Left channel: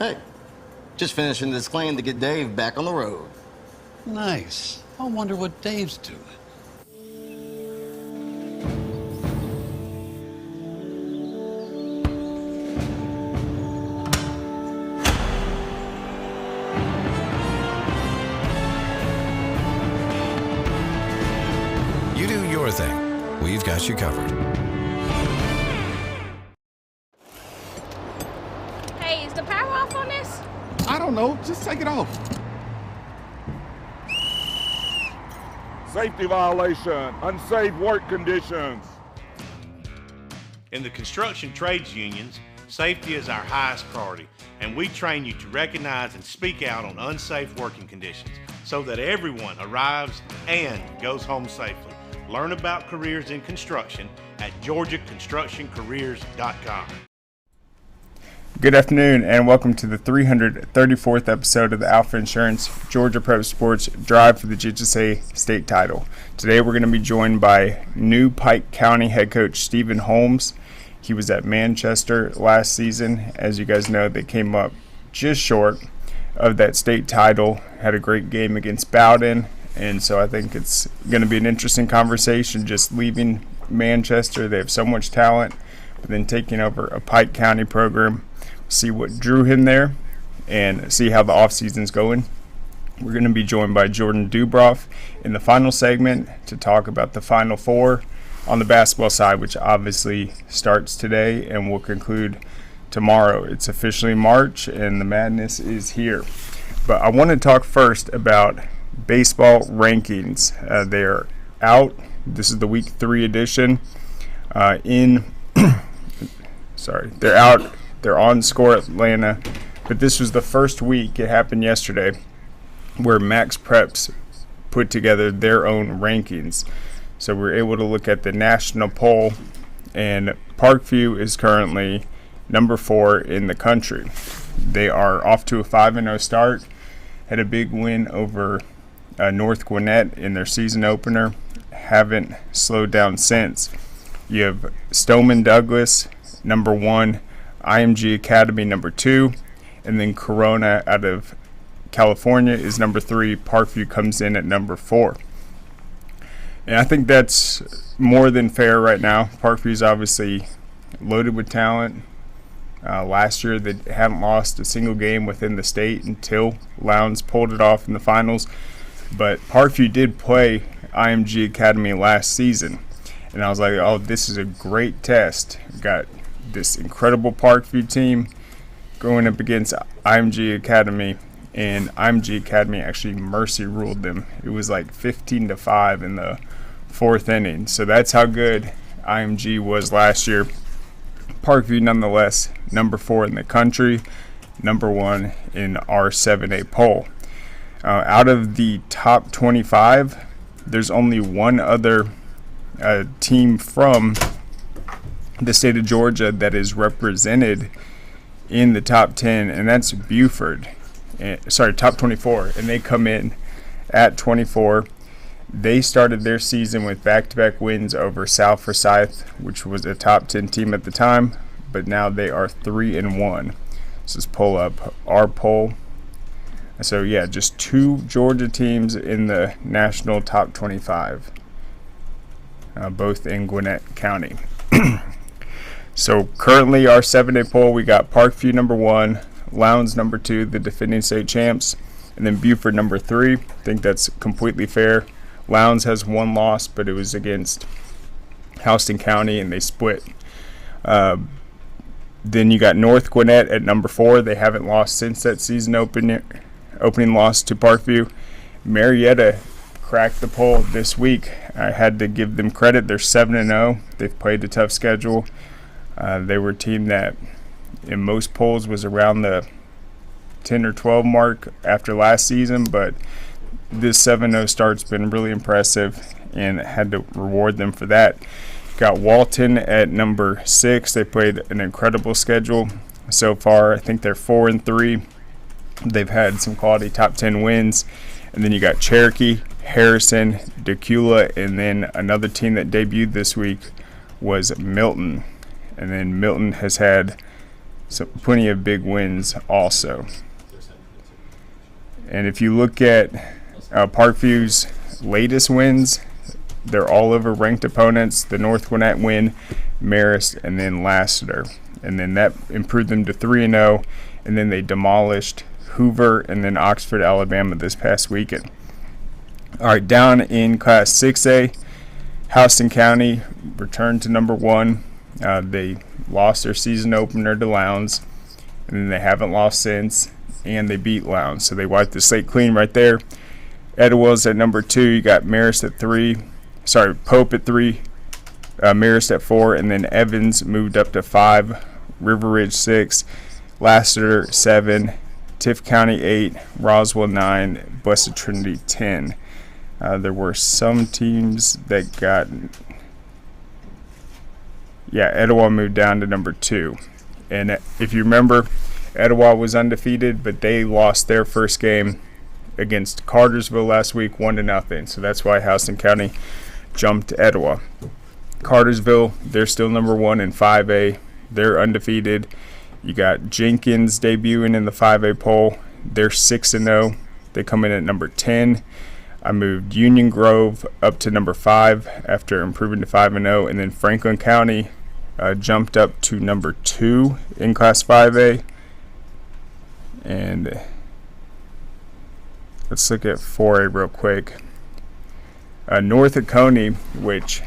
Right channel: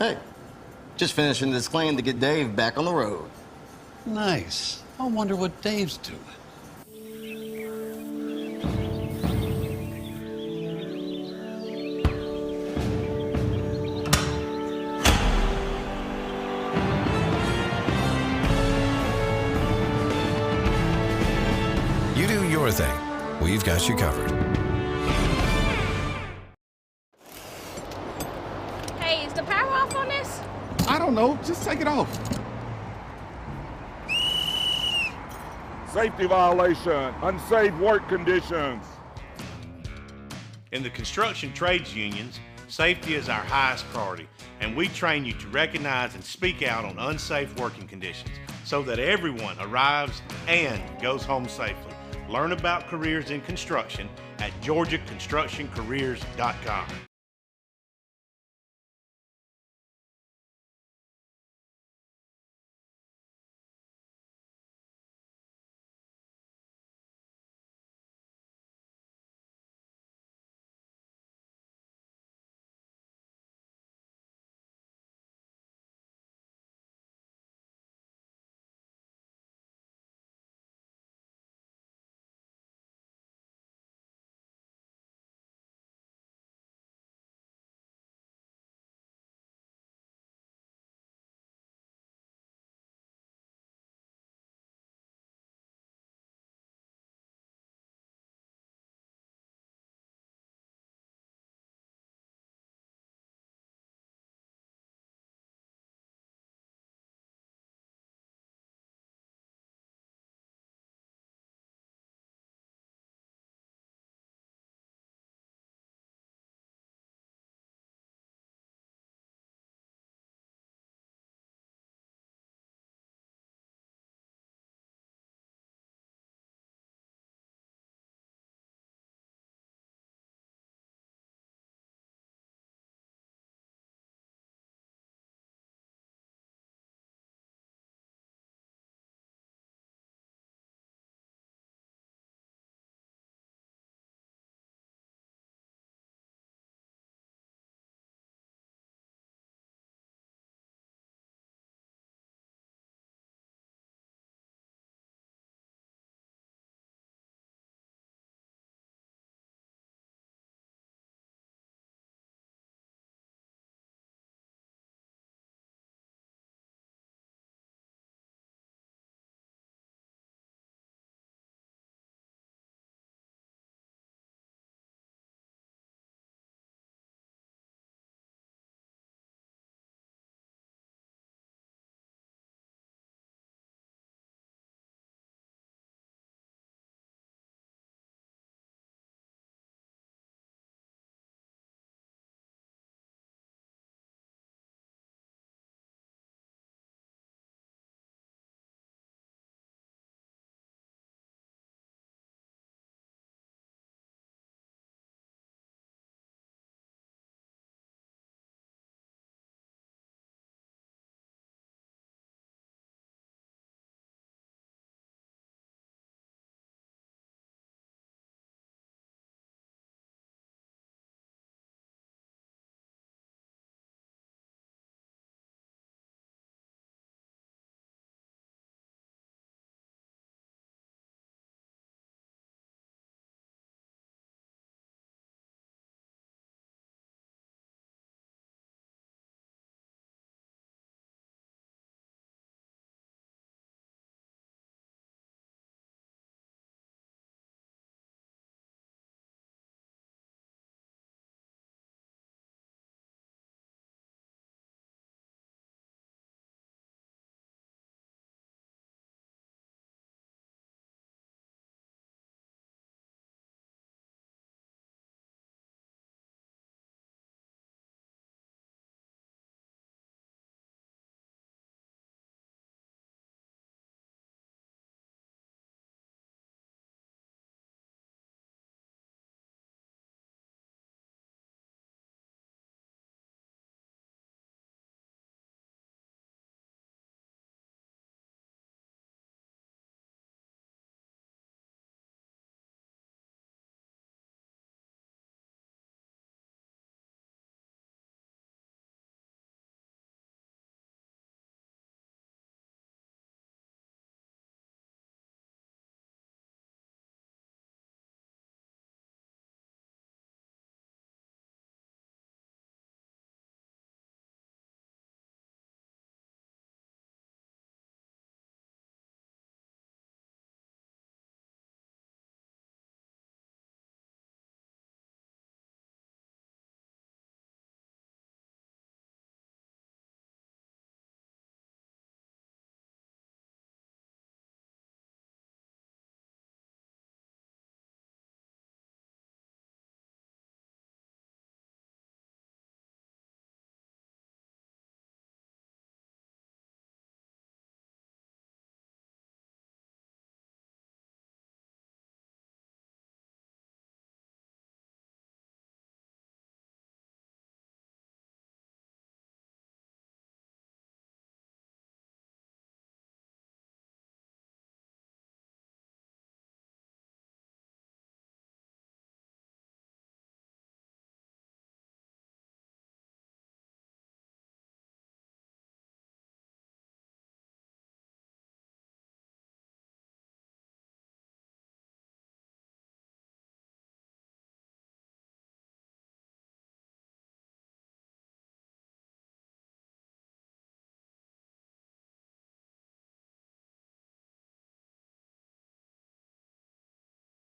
Hey, just finishing this claim to get Dave back on the road. Nice. I wonder what Dave's doing. You do your thing. We've got you covered. Hey, is the power off on this? I don't know. Just take it off. Safety violation, unsafe work conditions. In the construction trades unions, safety is our highest priority, and we train you to recognize and speak out on unsafe working conditions so that everyone arrives and goes home safely. Learn about careers in construction at georgiaconstructioncareers.com. Good afternoon and welcome to the 334th episode of the Alfa Insurance Georgia Prep Sports Drive for the GHSA State Title. Today we're going to be joined by new Pike County head coach Stephen Holmes. He was at Manchester last season. As you guys know, they came up just short of that state title, had a great game against Bowden, and so I think it's going to be an interesting conversation just leaving Manchester. They have so much talent, but then taking over a Pike County program. See what drew him there and see how the offseason's going. We're going to be joined by Jordan Dubrof in the final segment to talk about the Final Four on the basketball side, which obviously starts today and will conclude tomorrow. It's officially March and the madness is here. But I want to talk first about baseball rankings. They're out. This is the week 3 edition. They're out. They're on Score Atlanta, but this was the first week, it happened yesterday, where Max Preps put together their own rankings. So we're able to look at the national poll, and Parkview is currently number 4 in the country. They are off to a 5-0 start, had a big win over North Gwinnett in their season opener, haven't slowed down since. You have Stoneman Douglas, number 1, IMG Academy number 2, and then Corona out of California is number 3. Parkview comes in at number 4. And I think that's more than fair right now. Parkview's obviously loaded with talent. Last year they hadn't lost a single game within the state until Lowndes pulled it off in the finals. But Parkview did play IMG Academy last season. And I was like, oh, this is a great test. Got this incredible Parkview team going up against IMG Academy, and IMG Academy actually mercy ruled them. It was like 15-5 in the 4th inning. So that's how good IMG was last year. Parkview nonetheless number 4 in the country, number 1 in our 7A poll. Out of the top 25, there's only one other team from the state of Georgia that is represented in the top 10, and that's Buford. Top 24, and they come in at 24. They started their season with back-to-back wins over South Forsyth, which was a top 10 team at the time, but now they are 3-1. So let's pull up our poll. So yeah, just 2 Georgia teams in the national top 25, both in Gwinnett County. So currently our 7-day poll, we got Parkview number 1, Lowndes number 2, the defending state champs, and then Buford number 3. I think that's completely fair. Lowndes has 1 loss, but it was against Houston County, and they split. Then you got North Gwinnett at number 4. They haven't lost since that season opening loss to Parkview. Marietta cracked the poll this week. I had to give them credit. They're 7-0. They've played a tough schedule. They were a team that in most polls was around the 10 or 12 mark after last season, but this 7-0 start's been really impressive and had to reward them for that. Got Walton at number 6. They played an incredible schedule so far. I think they're 4-3. They've had some quality top 10 wins. And then you got Cherokee, Harrison, Decula, and then another team that debuted this week was Milton. And then Milton has had So plenty of big wins also. And if you look at Parkview's latest wins, they're all over ranked opponents. The North Gwinnett win, Marist, and then Lassiter. And then that improved them to 3-0. And then they demolished Hoover and then Oxford, Alabama this past weekend. All right, down in Class 6A, Houston County returned to number 1. They lost their season opener to Lowndes, and then they haven't lost since, and they beat Lowndes. So they wiped the slate clean right there. Etowah's at number 2. You got Marist at 3. Pope at 3, Marist at 4, and then Evans moved up to 5, River Ridge 6, Lassiter 7, Tift County 8, Roswell 9, Blessed Trinity 10. There were some teams that got... Yeah, Etowah moved down to number 2. And if you remember, Etowah was undefeated, but they lost their first game against Cartersville last week 1-0. So that's why Houston County jumped Etowah. Cartersville, they're still number 1 in 5A. They're undefeated. You got Jenkins debuting in the 5A poll. They're 6-0. They come in at number 10. I moved Union Grove up to number 5 after improving to 5-0. And then Franklin County jumped up to number 2 in Class 5A. And let's look at 4A real quick. North Oconee, which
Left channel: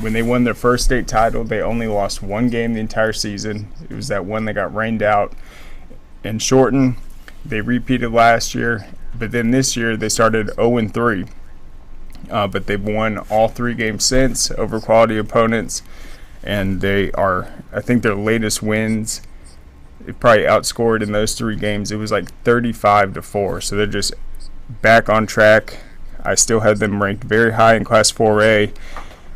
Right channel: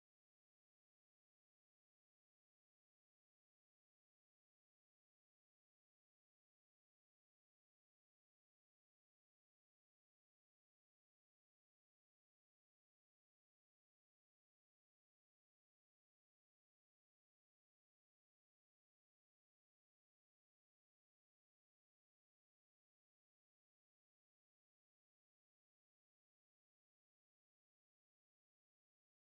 when they won their first state title, they only lost 1 game the entire season. It was that one that got rained out and shortened. They repeated last year, but then this year they started 0-3. But they've won all 3 games since over quality opponents, and they are, I think their latest wins, it probably outscored in those 3 games. It was like 35-4, so they're just back on track. I still have them ranked very high in Class 4A,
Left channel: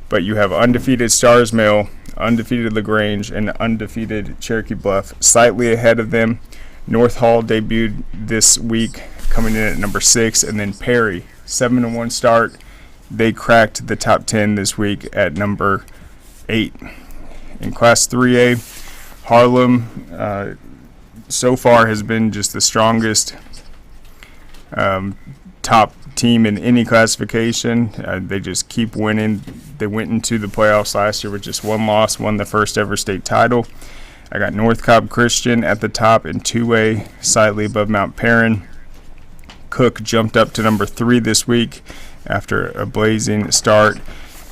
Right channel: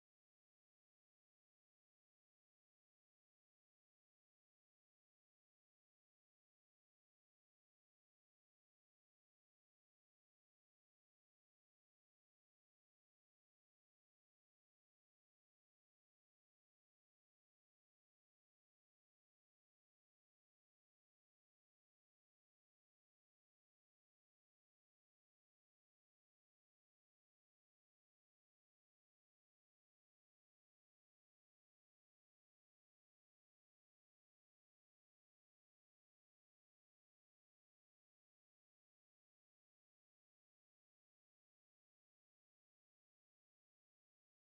but you have undefeated Stars Mill, undefeated LaGrange, and undefeated Cherokee Bluff slightly ahead of them. North Hall debuted this week, coming in at number 6, and then Perry, 7-1 start. They cracked the top 10 this week at number 8. In Class 3A, Harlem so far has been just the strongest top team in any classification. They just keep winning. They went into the playoffs last year with just 1 loss, won the first ever state title. I got North Cobb Christian at the top in 2A, slightly above Mount Perrin. Cook jumped up to number 3 this week after a blazing start.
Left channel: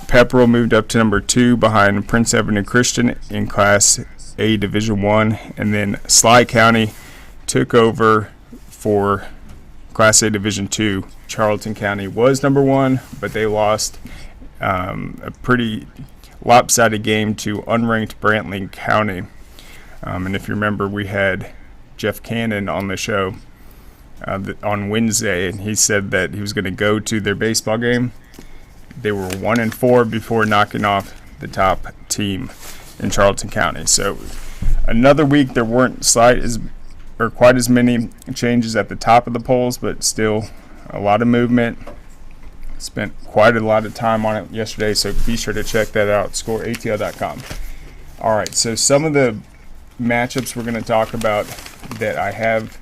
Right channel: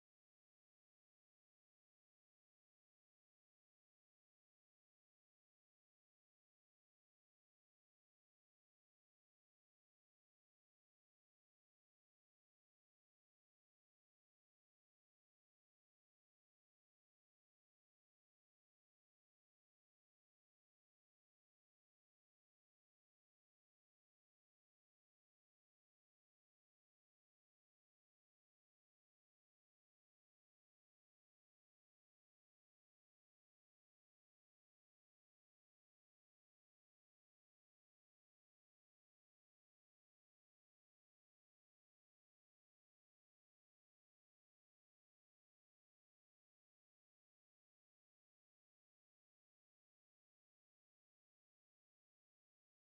Pepperell moved up to number 2 behind Prince Edward and Christian in Class A Division 1. And then Sly County took over for Class A Division 2. Charlton County was number 1, but they lost a pretty lopsided game to unranked Brantley County. And if you remember, we had Jeff Cannon on the show on Wednesday, and he said that he was going to go to their baseball game. They were 1-4 before knocking off the top team in Charlton County. So another week there weren't quite as many changes at the top of the polls, but still a lot of movement. Spent quite a lot of time on it yesterday, so be sure to check that out, scoreatl.com. All right, so some of the matchups we're going to talk about that I have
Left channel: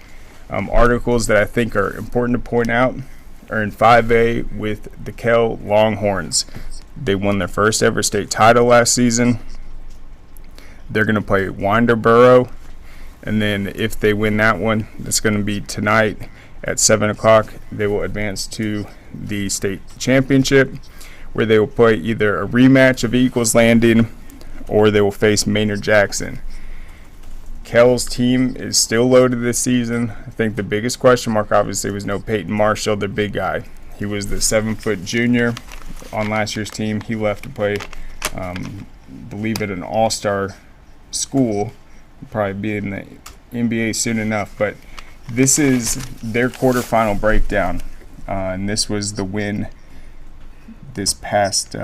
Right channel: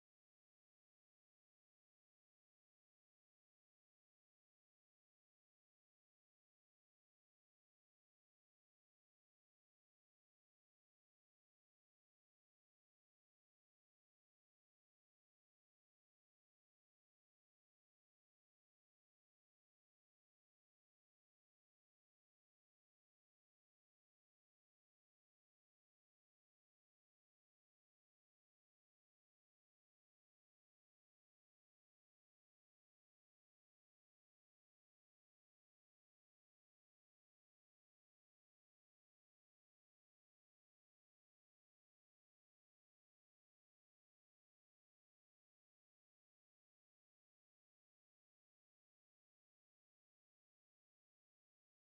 articles that I think are important to point out are in 5A with the Kell Longhorns. They won their first ever state title last season. They're going to play Winterboro, and then if they win that one, that's going to be tonight at 7 o'clock. They will advance to the state championship, where they will play either a rematch of Eagles Landing or they will face Maynard Jackson. Kell's team is still loaded this season. I think the biggest question mark obviously was no Peyton Marshall, their big guy. He was the 7-foot junior on last year's team. He left to play, believe it, an all-star school. He'll probably be in the NBA soon enough, but this is their quarterfinal breakdown, and this was the win this past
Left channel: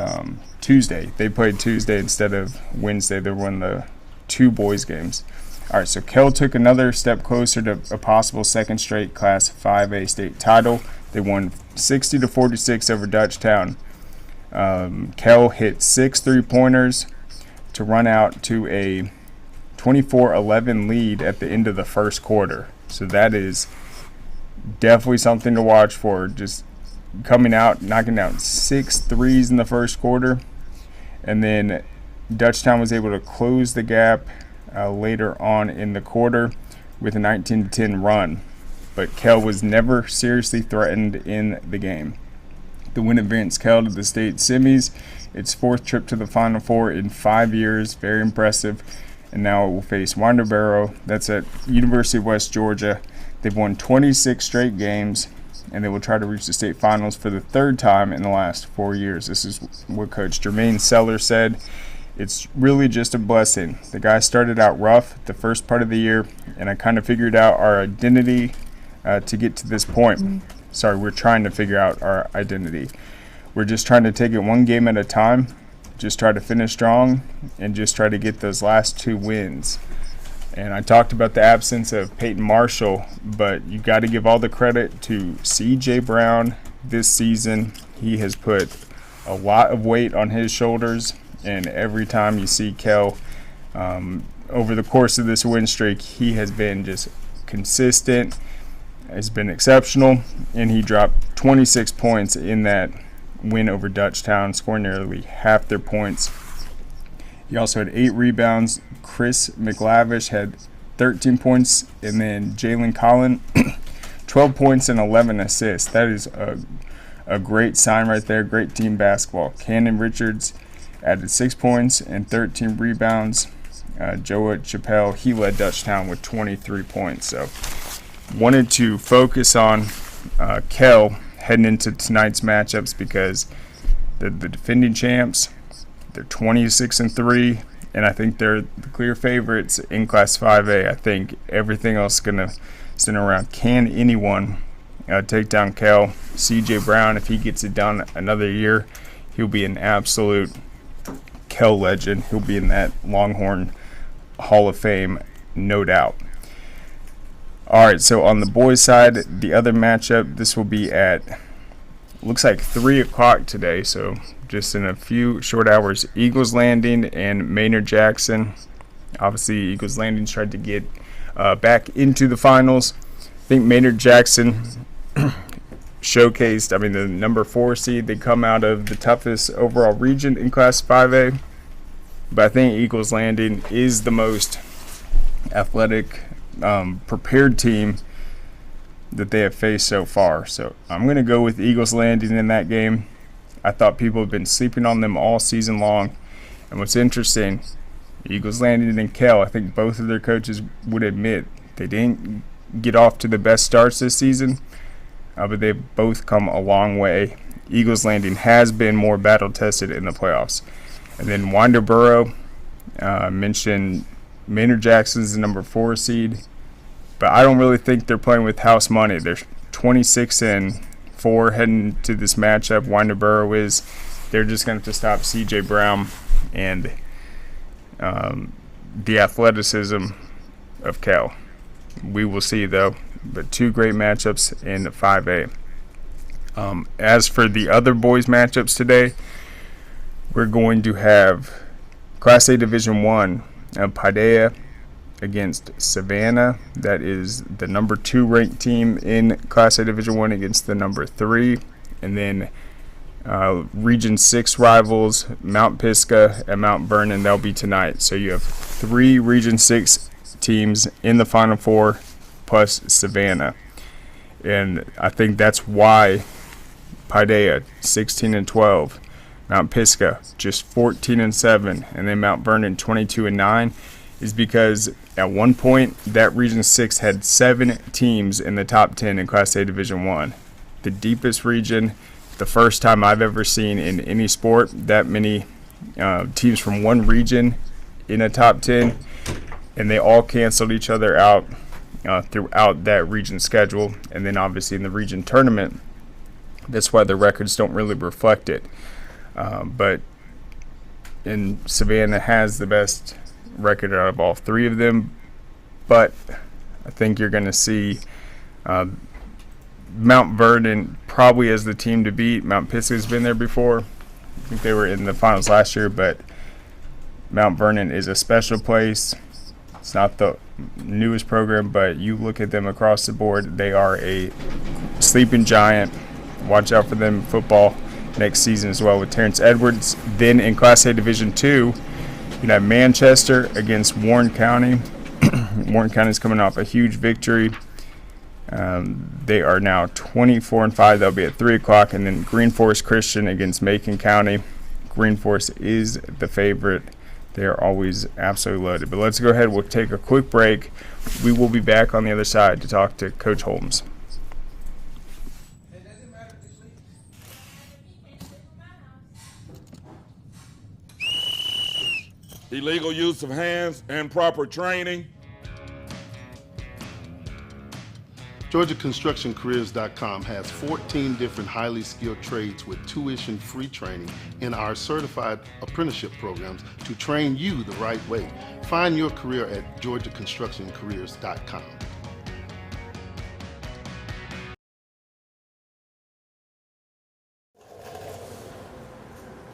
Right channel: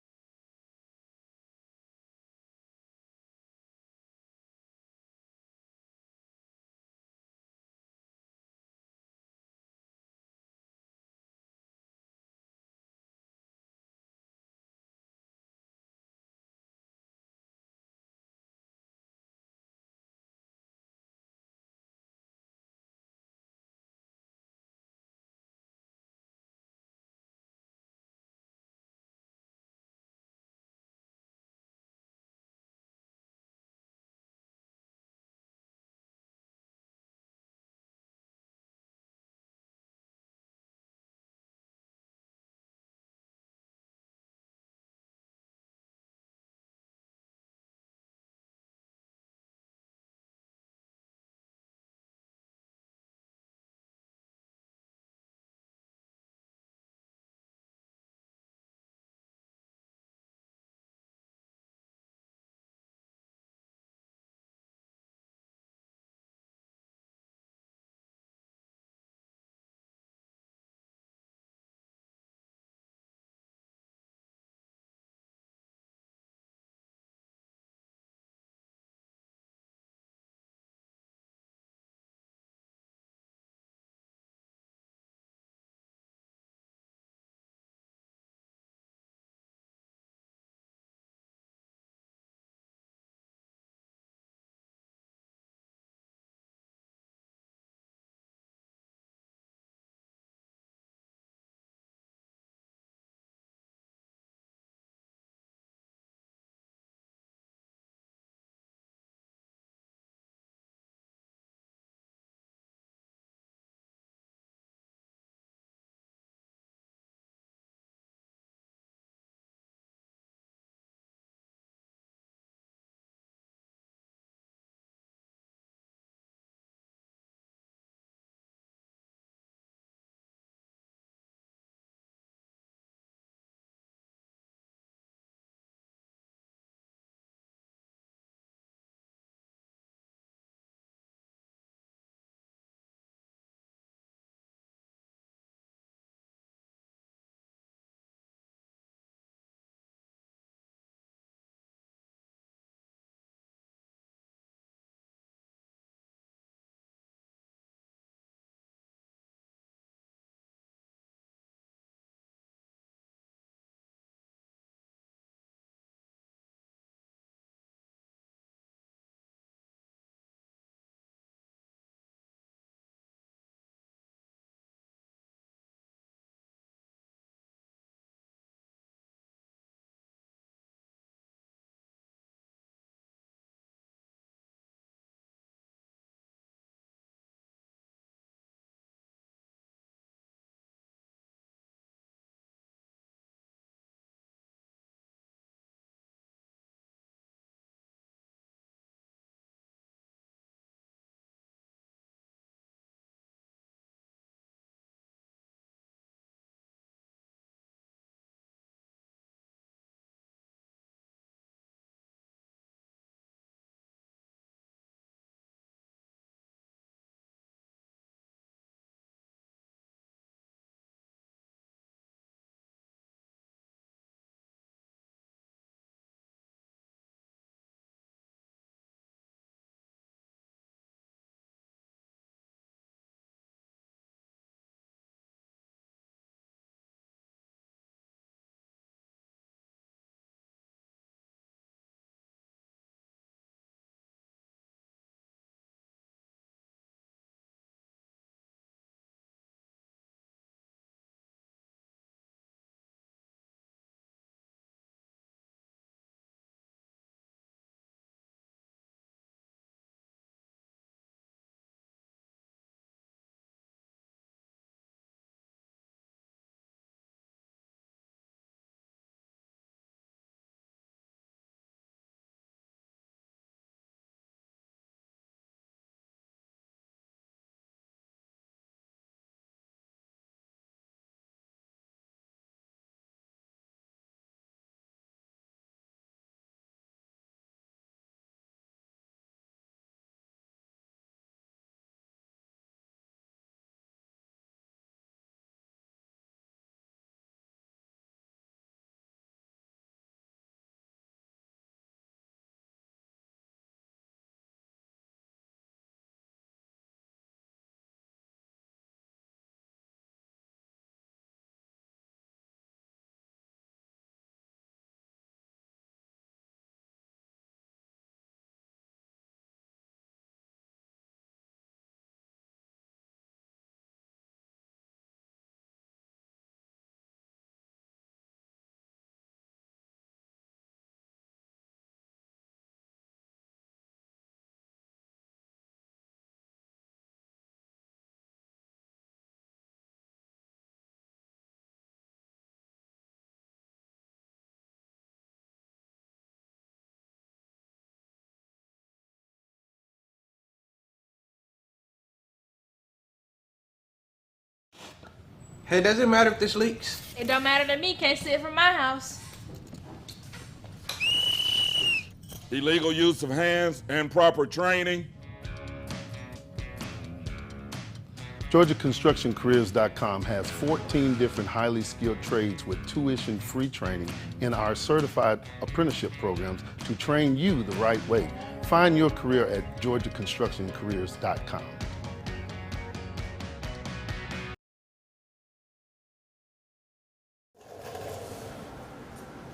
Tuesday. They played Tuesday instead of Wednesday. They won the 2 boys games. All right, so Kell took another step closer to a possible second straight Class 5A state title. They won 60-46 over Dutchtown. Kell hit 6 3-pointers to run out to a 24-11 lead at the end of the first quarter. So that is definitely something to watch for. Just coming out, knocking down 6 threes in the first quarter. And then Dutchtown was able to close the gap later on in the quarter with a 19-10 run. But Kell was never seriously threatened in the game. The win advanced Kell to the state semis, its 4th trip to the Final Four in 5 years. Very impressive. And now it will face Winterboro. That's at University of West Georgia. They've won 26 straight games, and they will try to reach the state finals for the 3rd time in the last 4 years. This is what Coach Jermaine Seller said. It's really just a blessing. The guys started out rough the first part of the year, and I kind of figured out our identity to get to this point. Sorry, we're trying to figure out our identity. We're just trying to take it one game at a time, just try to finish strong, and just try to get those last 2 wins. And I talked about the absence of Peyton Marshall, but you got to give all the credit to C.J. Brown this season. He has put a lot of weight on his shoulders, and every time you see Kell over the course of this win streak, he has been just consistent, has been exceptional, and he dropped 26 points in that win over Dutchtown, scoring nearly half their points. He also had 8 rebounds. Chris McLavish had 13 points, and then Jalen Collin, 12 points and 11 assists. That is a great sign right there, great team basketball. Cannon Richards added 6 points and 13 rebounds. Joe Chappelle, he led Dutchtown with 23 points. So wanted to focus on Kell heading into tonight's matchups because they're the defending champs. They're 26-3, and I think they're the clear favorites in Class 5A. I think everything else is going to center around, can anyone take down Kell? C.J. Brown, if he gets it done another year, he'll be an absolute Kell legend. He'll be in that Longhorn Hall of Fame, no doubt. All right, so on the boys' side, the other matchup, this will be at, looks like 3 o'clock today, so just in a few short hours. Eagles Landing and Maynard Jackson. Obviously, Eagles Landing's tried to get back into the finals. I think Maynard Jackson showcased, the number 4 seed. They come out of the toughest overall region in Class 5A. But I think Eagles Landing is the most athletic, prepared team that they have faced so far. So I'm going to go with Eagles Landing in that game. I thought people have been sleeping on them all season long. And what's interesting, Eagles Landing and Kell, I think both of their coaches would admit they didn't get off to the best starts this season, but they've both come a long way. Eagles Landing has been more battle-tested in the playoffs. And then Winterboro, mentioned Maynard Jackson's the number 4 seed, but I don't really think they're playing with house money. They're 26-4 heading to this matchup. Winterboro is. They're just going to have to stop C.J. Brown and the athleticism of Kell. We will see, though. But 2 great matchups in 5A. As for the other boys' matchups today, we're going to have Class A Division I. Paideia against Savannah. That is the number 2 ranked team in Class A Division I against the number 3. And then Region 6 rivals, Mount Pisgah and Mount Vernon. They'll be tonight. So you have 3 Region 6 teams in the Final Four plus Savannah. And I think that's why Paideia 16-12. Mount Pisgah just 14-7, and then Mount Vernon 22-9, is because at one point that Region 6 had 7 teams in the top 10 in Class A Division I. The deepest region, the first time I've ever seen in any sport that many teams from one region in a top 10, and they all canceled each other out throughout that region schedule, and then obviously in the region tournament. That's why the records don't really reflect it. But Savannah has the best record out of all 3 of them. But I think you're going to see Mount Vernon probably as the team to beat. Mount Pisgah's been there before. I think they were in the finals last year, but Mount Vernon is a special place. It's not the newest program, but you look at them across the board, they are a sleeping giant. Watch out for them in football next season as well with Terrence Edwards. Then in Class A Division II, you have Manchester against Warren County. Warren County is coming off a huge victory. They are now 24-5. They'll be at 3 o'clock. And then Green Forest Christian against Macon County. Green Forest is the favorite. They are always absolutely loaded. But let's go ahead. We'll take a quick break. We will be back on the other side to talk to Coach Holmes. Hey, does it matter if this leaks? It don't matter to me. Can't see it from my house. Illegal use of hands and proper training. GeorgiaConstructionCareers.com has 14 different highly skilled trades with tuition-free training in our certified apprenticeship programs to train you the right way. Find your career at GeorgiaConstructionCareers.com.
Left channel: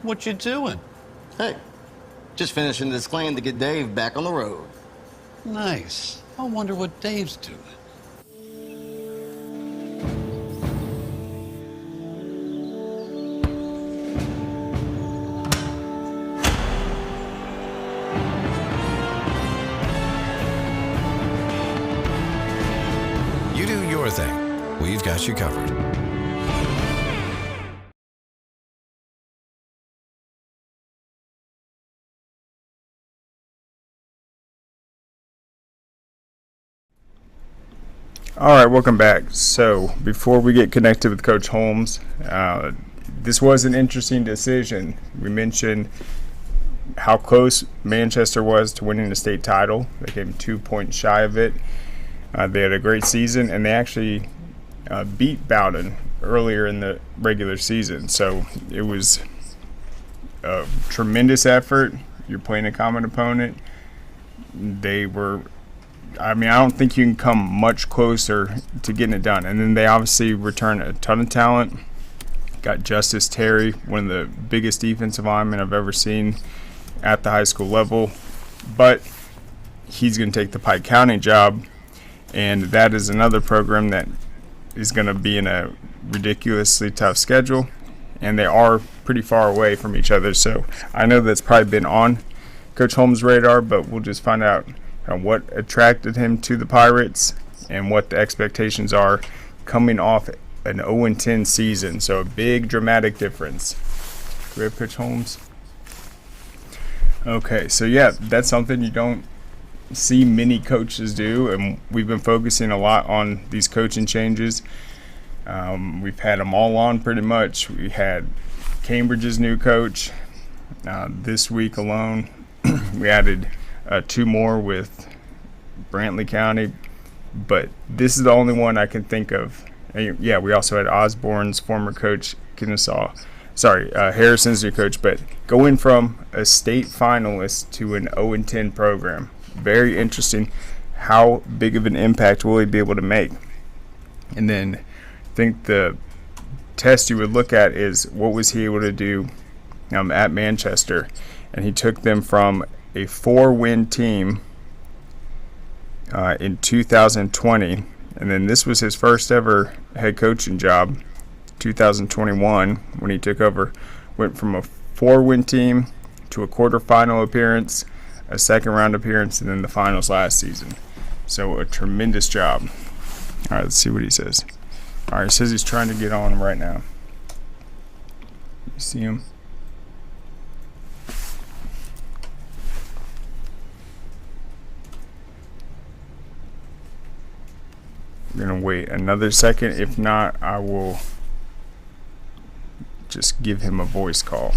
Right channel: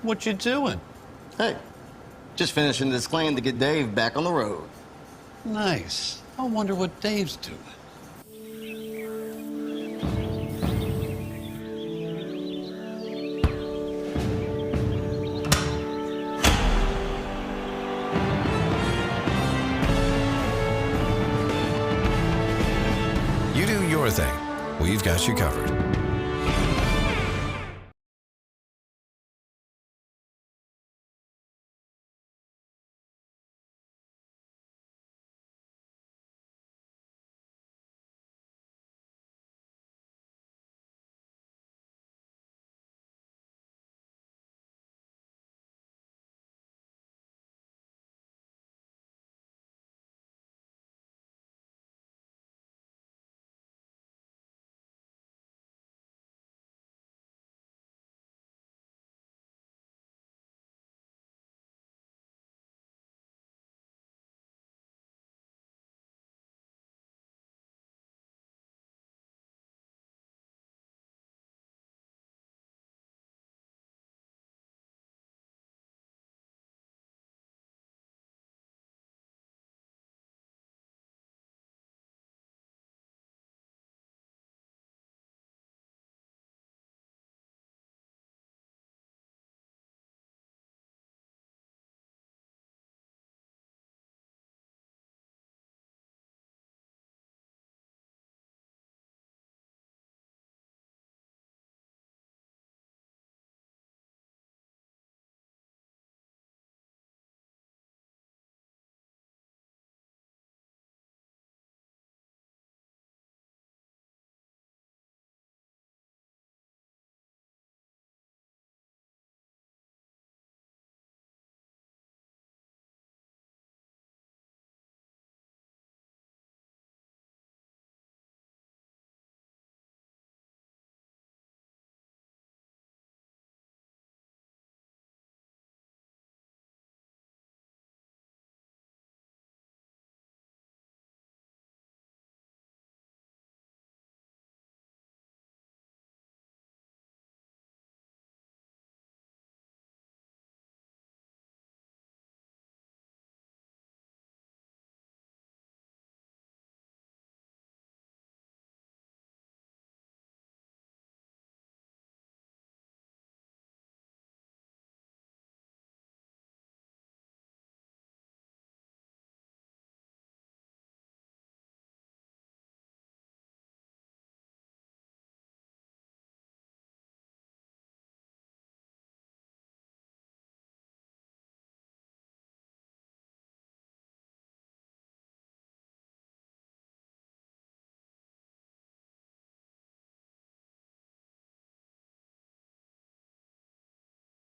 What you doing? Hey, just finishing this claim to get Dave back on the road. Nice. I wonder what Dave's doing. You do your thing. We've got you covered. All right, welcome back. So before we get connected with Coach Holmes, this was an interesting decision. We mentioned how close Manchester was to winning the state title. They came 2 points shy of it. They had a great season, and they actually beat Bowden earlier in the regular season. So it was a tremendous effort. You're playing a common opponent. They were, I don't think you can come much closer to getting it done. And then they obviously return a ton of talent. Got Justice Terry, one of the biggest defensive linemen I've ever seen at the high school level. But he's going to take the Pike County job. And that is another program that is going to be in a ridiculously tough schedule. And they are pretty far away from each other. So I know that's probably been on Coach Holmes' radar, but we'll just find out what attracted him to the Pirates and what the expectations are coming off an 0-10 season. So a big dramatic difference. Do we have Coach Holmes? Okay, so yeah, that's something you don't see many coaches do, and we've been focusing a lot on these coaching changes. We've had them all on pretty much. We had Cambridge's new coach this week alone. We added 2 more with Brantley County, but this is the only one I can think of. And yeah, we also had Osborne's former coach, Harrison's new coach, but going from a state finalist to an 0-10 program. Very interesting. How big of an impact will he be able to make? And then I think the test you would look at is what was he able to do at Manchester. And he took them from a 4-win team in 2020. And then this was his first ever head coaching job, 2021, when he took over. Went from a 4-win team to a quarterfinal appearance, a second-round appearance, and then the finals last season. So a tremendous job. All right, let's see what he says. All right, he says he's trying to get on him right now. You see him? We're going to wait another second. If not, I will just give him a voice call.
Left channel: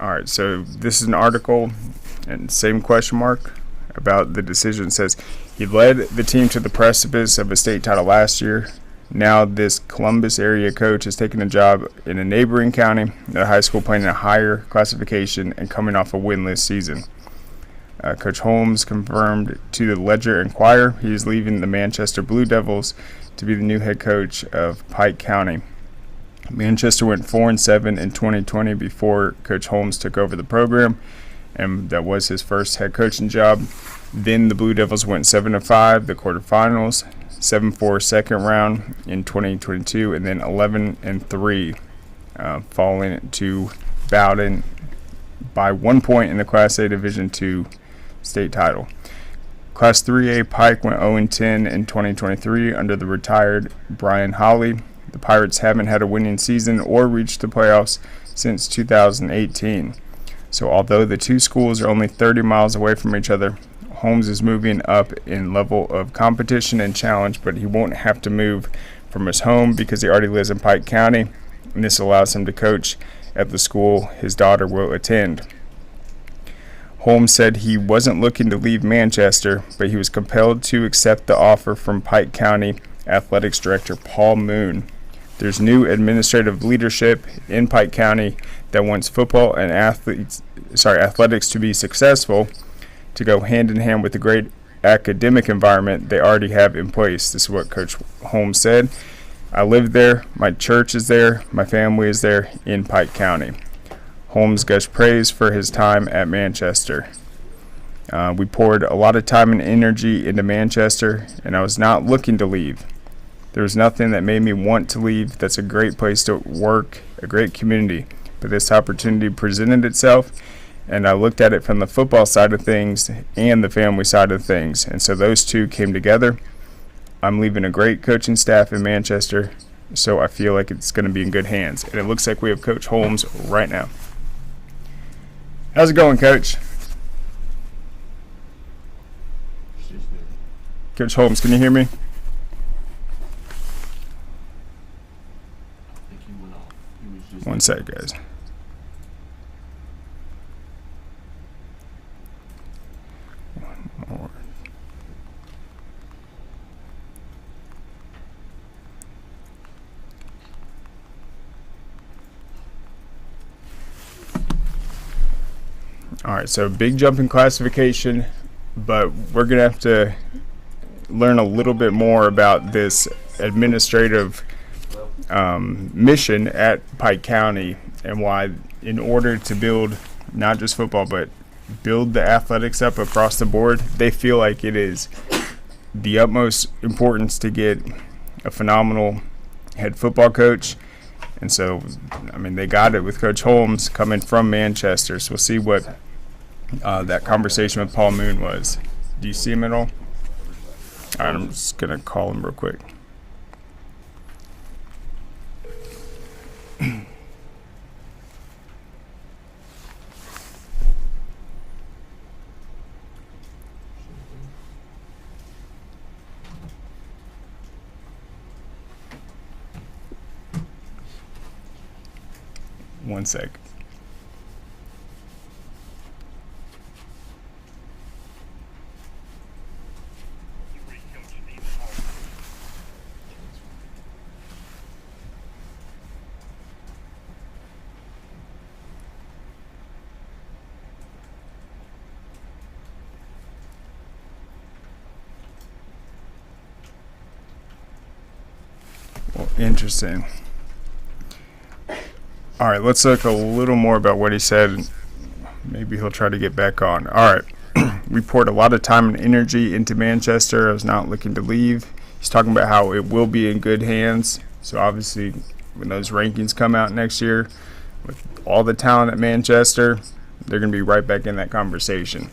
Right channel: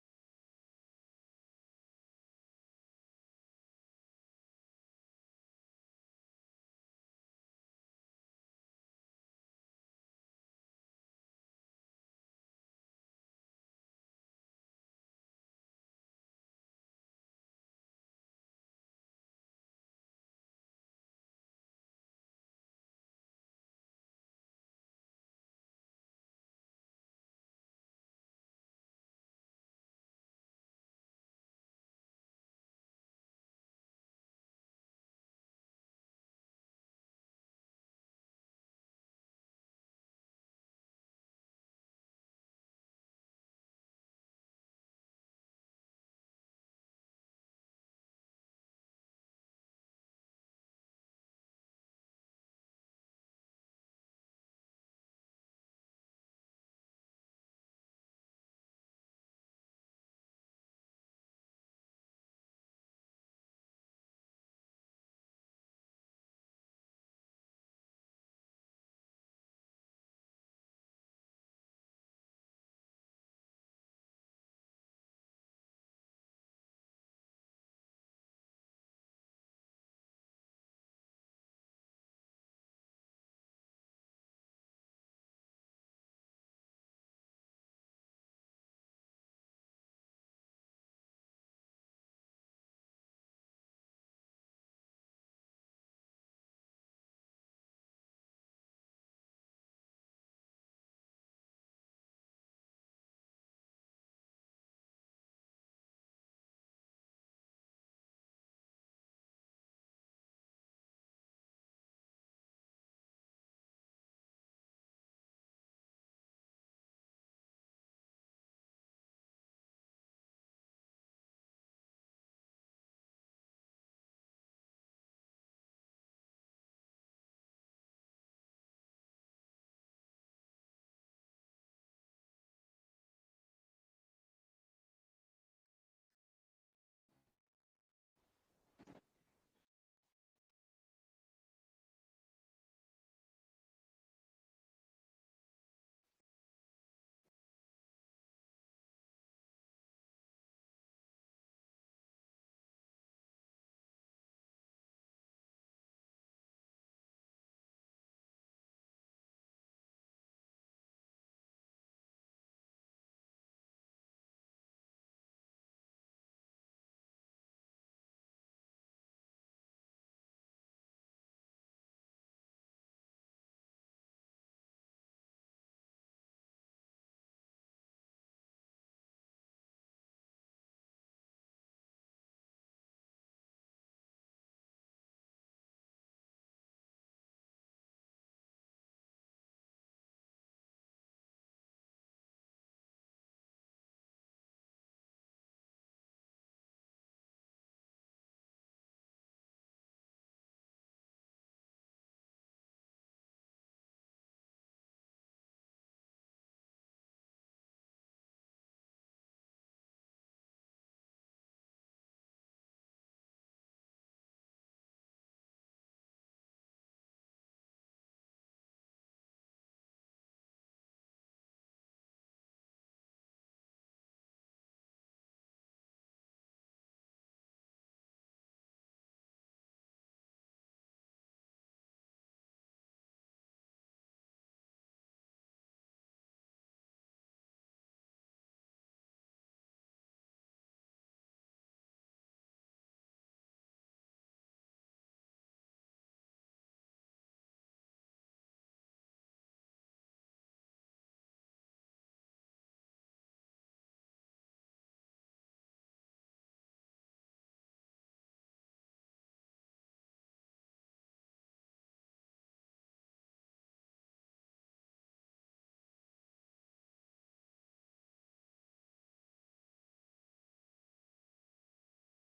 All right, so this is an article, and same question mark about the decision. It says, he led the team to the precipice of a state title last year. Now this Columbus area coach has taken a job in a neighboring county at a high school playing in a higher classification and coming off a winless season. Coach Holmes confirmed to the Ledger-Inquirer he is leaving the Manchester Blue Devils to be the new head coach of Pike County. Manchester went 4-7 in 2020 before Coach Holmes took over the program, and that was his first head coaching job. Then the Blue Devils went 7-5, the quarterfinals, 7-4 second round in 2022, and then 11-3, falling to Bowden by 1 point in the Class A Division II state title. Class 3A Pike went 0-10 in 2023 under the retired Brian Holly. The Pirates haven't had a winning season or reached the playoffs since 2018. So although the two schools are only 30 miles away from each other, Holmes is moving up in level of competition and challenge, but he won't have to move from his home because he already lives in Pike County, and this allows him to coach at the school his daughter will attend. Holmes said he wasn't looking to leave Manchester, but he was compelled to accept the offer from Pike County Athletics Director Paul Moon. There's new administrative leadership in Pike County that wants football and athletics to be successful, to go hand in hand with the great academic environment they already have in place. This is what Coach Holmes said. I live there, my church is there, my family is there in Pike County. Holmes gushed praise for his time at Manchester. We poured a lot of time and energy into Manchester, and I was not looking to leave. There was nothing that made me want to leave. That's a great place to work, a great community. But this opportunity presented itself, and I looked at it from the football side of things and the family side of things. And so those two came together. I'm leaving a great coaching staff in Manchester, so I feel like it's going to be in good hands. And it looks like we have Coach Holmes right now. How's it going, Coach? Coach Holmes, can you hear me? One sec, guys. One more. All right, so big jump in classification, but we're going to have to learn a little bit more about this administrative mission at Pike County and why, in order to build not just football, but build the athletics up across the board, they feel like it is the utmost importance to get a phenomenal head football coach. And so, I mean, they got it with Coach Holmes coming from Manchester. So we'll see what that conversation with Paul Moon was. Do you see him at all? All right, I'm just going to call him real quick. One sec. Well, interesting. All right, let's look a little more about what he said. Maybe he'll try to get back on. All right, we poured a lot of time and energy into Manchester. I was not looking to leave. He's talking about how it will be in good hands. So obviously, when those rankings come out next year, with all the talent at Manchester, they're going to be right back in that conversation.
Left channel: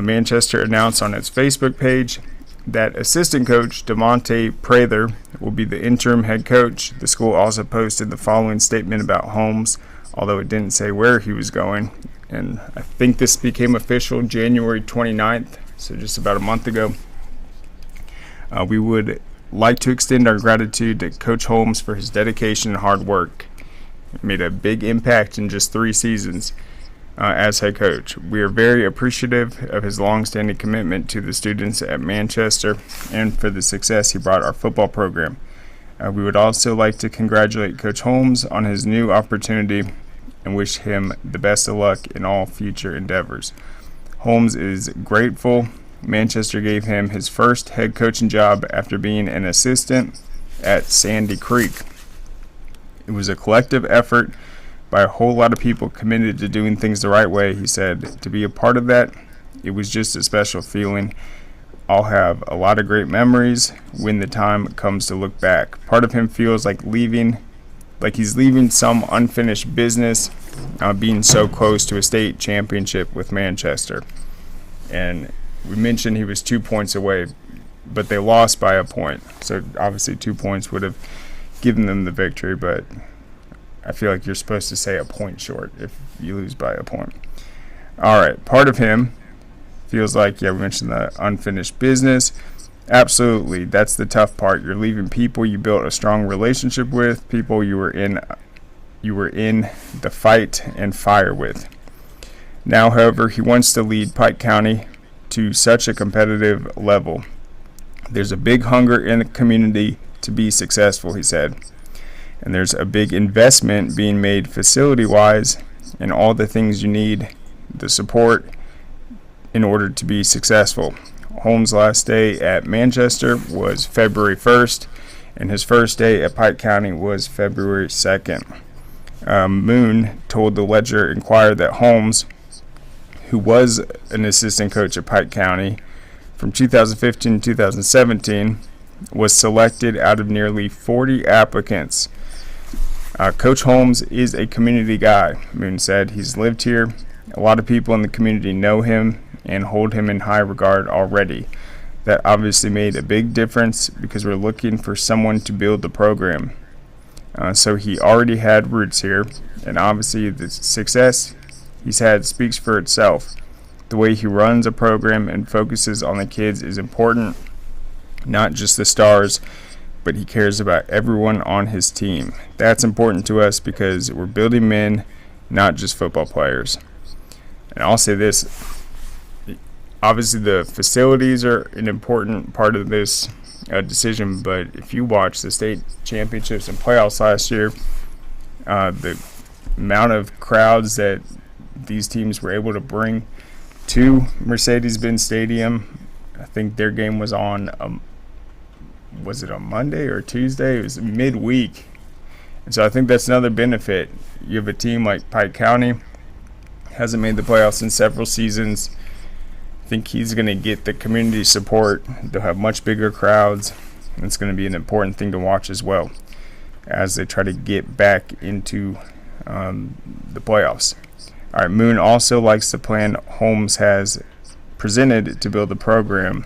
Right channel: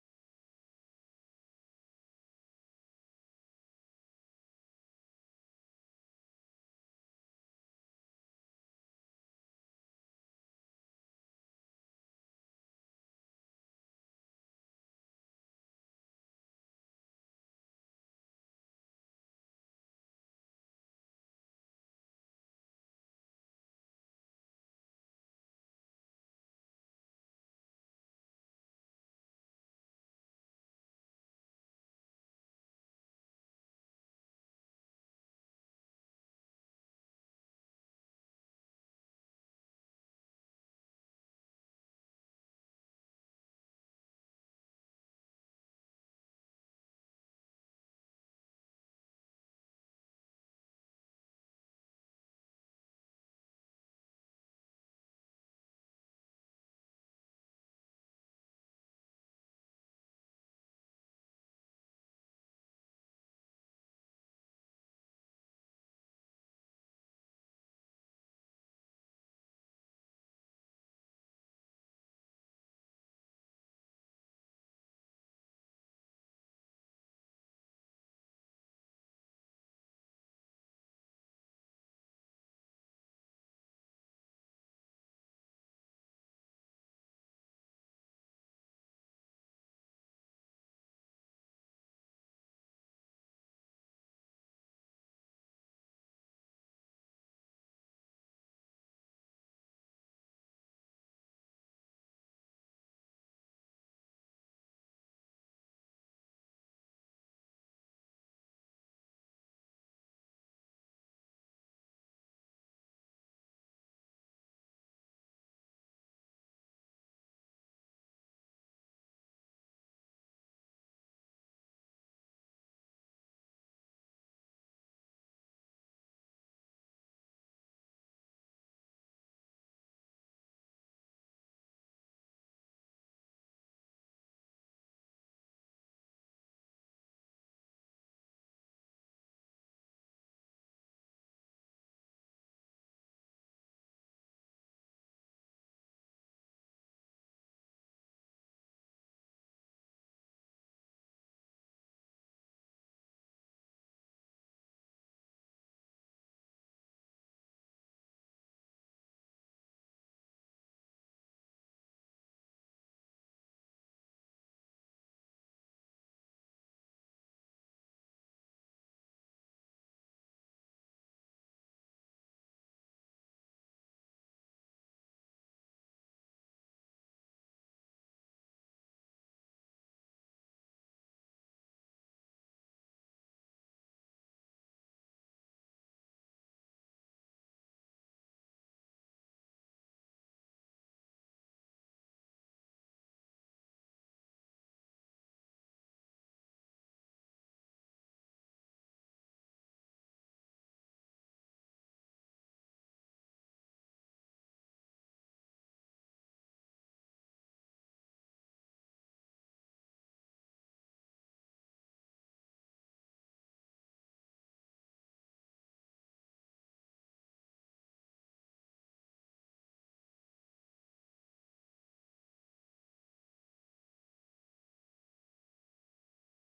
Manchester announced on its Facebook page that assistant coach DeMonte Prather will be the interim head coach. The school also posted the following statement about Holmes, although it didn't say where he was going. And I think this became official January 29th, so just about a month ago. We would like to extend our gratitude to Coach Holmes for his dedication and hard work. He made a big impact in just 3 seasons as head coach. We are very appreciative of his long-standing commitment to the students at Manchester and for the success he brought our football program. We would also like to congratulate Coach Holmes on his new opportunity and wish him the best of luck in all future endeavors. Holmes is grateful Manchester gave him his first head coaching job after being an assistant at Sandy Creek. It was a collective effort by a whole lot of people committed to doing things the right way. He said, to be a part of that, it was just a special feeling. I'll have a lot of great memories when the time comes to look back. Part of him feels like he's leaving some unfinished business, being so close to a state championship with Manchester. And we mentioned he was 2 points away, but they lost by a point. So obviously 2 points would have given them the victory, but I feel like you're supposed to say a point short if you lose by a point. All right, part of him feels like, we mentioned the unfinished business. Absolutely, that's the tough part. You're leaving people you built a strong relationship with, people you were in the fight and fire with. Now, however, he wants to lead Pike County to such a competitive level. There's a big hunger in the community to be successful, he said. And there's a big investment being made facility-wise and all the things you need, the support in order to be successful. Holmes' last day at Manchester was February 1st, and his first day at Pike County was February 2nd. Moon told the Ledger-Inquirer that Holmes, who was an assistant coach at Pike County from 2015 to 2017, was selected out of nearly 40 applicants. Coach Holmes is a community guy, Moon said. He's lived here. A lot of people in the community know him and hold him in high regard already. That obviously made a big difference because we're looking for someone to build the program. So he already had roots here, and obviously the success he's had speaks for itself. The way he runs a program and focuses on the kids is important, not just the stars, but he cares about everyone on his team. That's important to us because we're building men, not just football players. And I'll say this, obviously the facilities are an important part of this decision, but if you watch the state championships and playoffs last year, the amount of crowds that these teams were able to bring to Mercedes-Benz Stadium, I think their game was on, was it on Monday or Tuesday? It was midweek. And so I think that's another benefit. You have a team like Pike County, hasn't made the playoffs in several seasons. I think he's going to get the community support. They'll have much bigger crowds. And it's going to be an important thing to watch as well as they try to get back into the playoffs. All right, Moon also likes the plan Holmes has presented to build the program.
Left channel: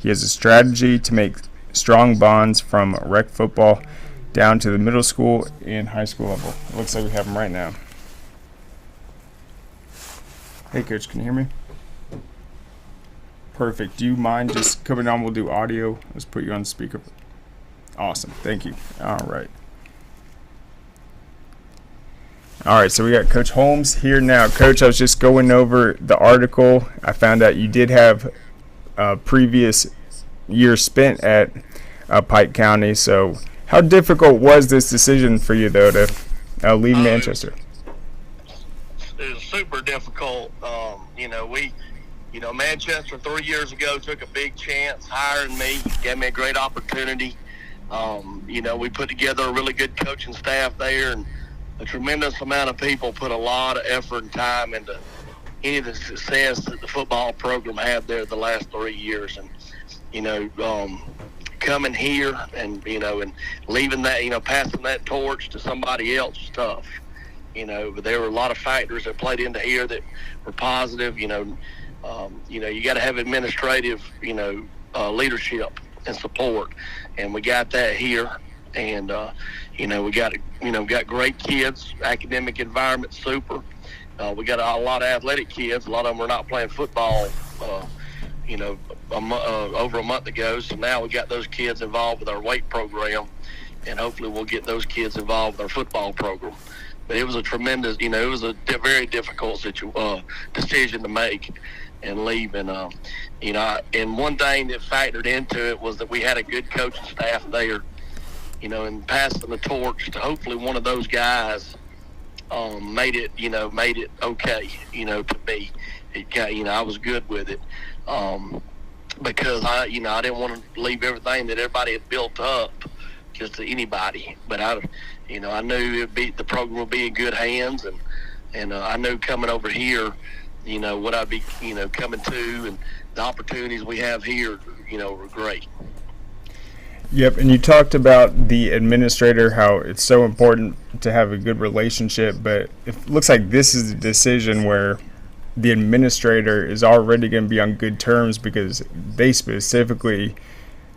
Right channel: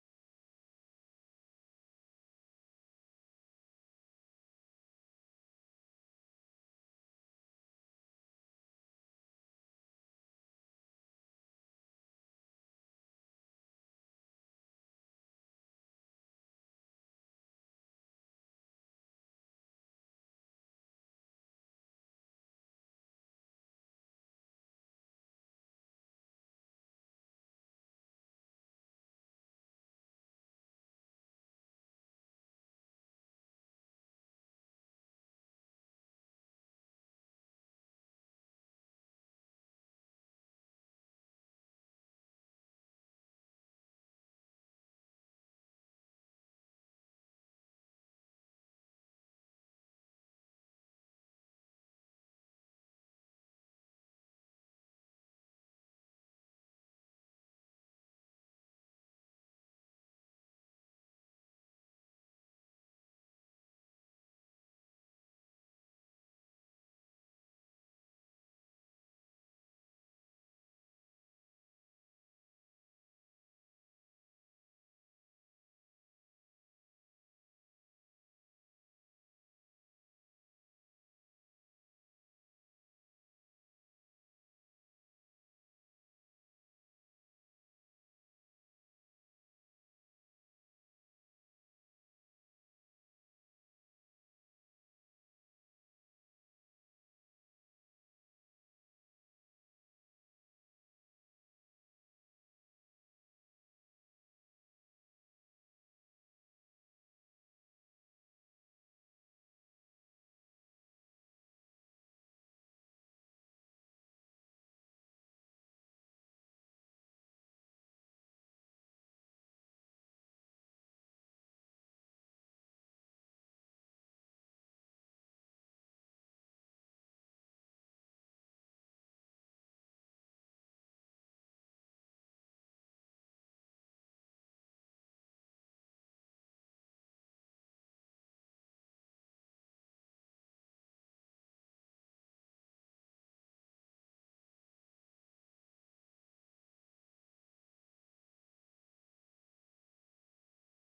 He has a strategy to make strong bonds from rec football down to the middle school and high school level. It looks like we have him right now. Hey, Coach, can you hear me? Perfect. Do you mind just coming on? We'll do audio. Let's put you on speaker. Awesome. Thank you. All right. All right, so we got Coach Holmes here now. Coach, I was just going over the article. I found out you did have a previous year spent at Pike County. So how difficult was this decision for you, though, to leave Manchester? It was super difficult. Manchester 3 years ago took a big chance hiring me, gave me a great opportunity. We put together a really good coaching staff there, and a tremendous amount of people put a lot of effort and time into any of the success that the football program had there the last 3 years. And, coming here and, and leaving that, passing that torch to somebody else was tough. But there were a lot of factors that played into here that were positive. You got to have administrative, leadership and support, and we got that here. And we got great kids, academic environment super. We got a lot of athletic kids. A lot of them were not playing football, over a month ago. So now we got those kids involved with our weight program, and hopefully we'll get those kids involved with our football program. But it was a tremendous, it was a very difficult decision to make and leave. And, and one thing that factored into it was that we had a good coaching staff there, and passing the torch to hopefully one of those guys made it okay, to me. I was good with it because I didn't want to leave everything that everybody had built up just to anybody. But I knew the program would be in good hands, and I knew coming over here, what I'd be, coming to, and the opportunities we have here, were great. Yep, and you talked about the administrator, how it's so important to have a good relationship, but it looks like this is a decision where the administrator is already going to be on good terms because they specifically,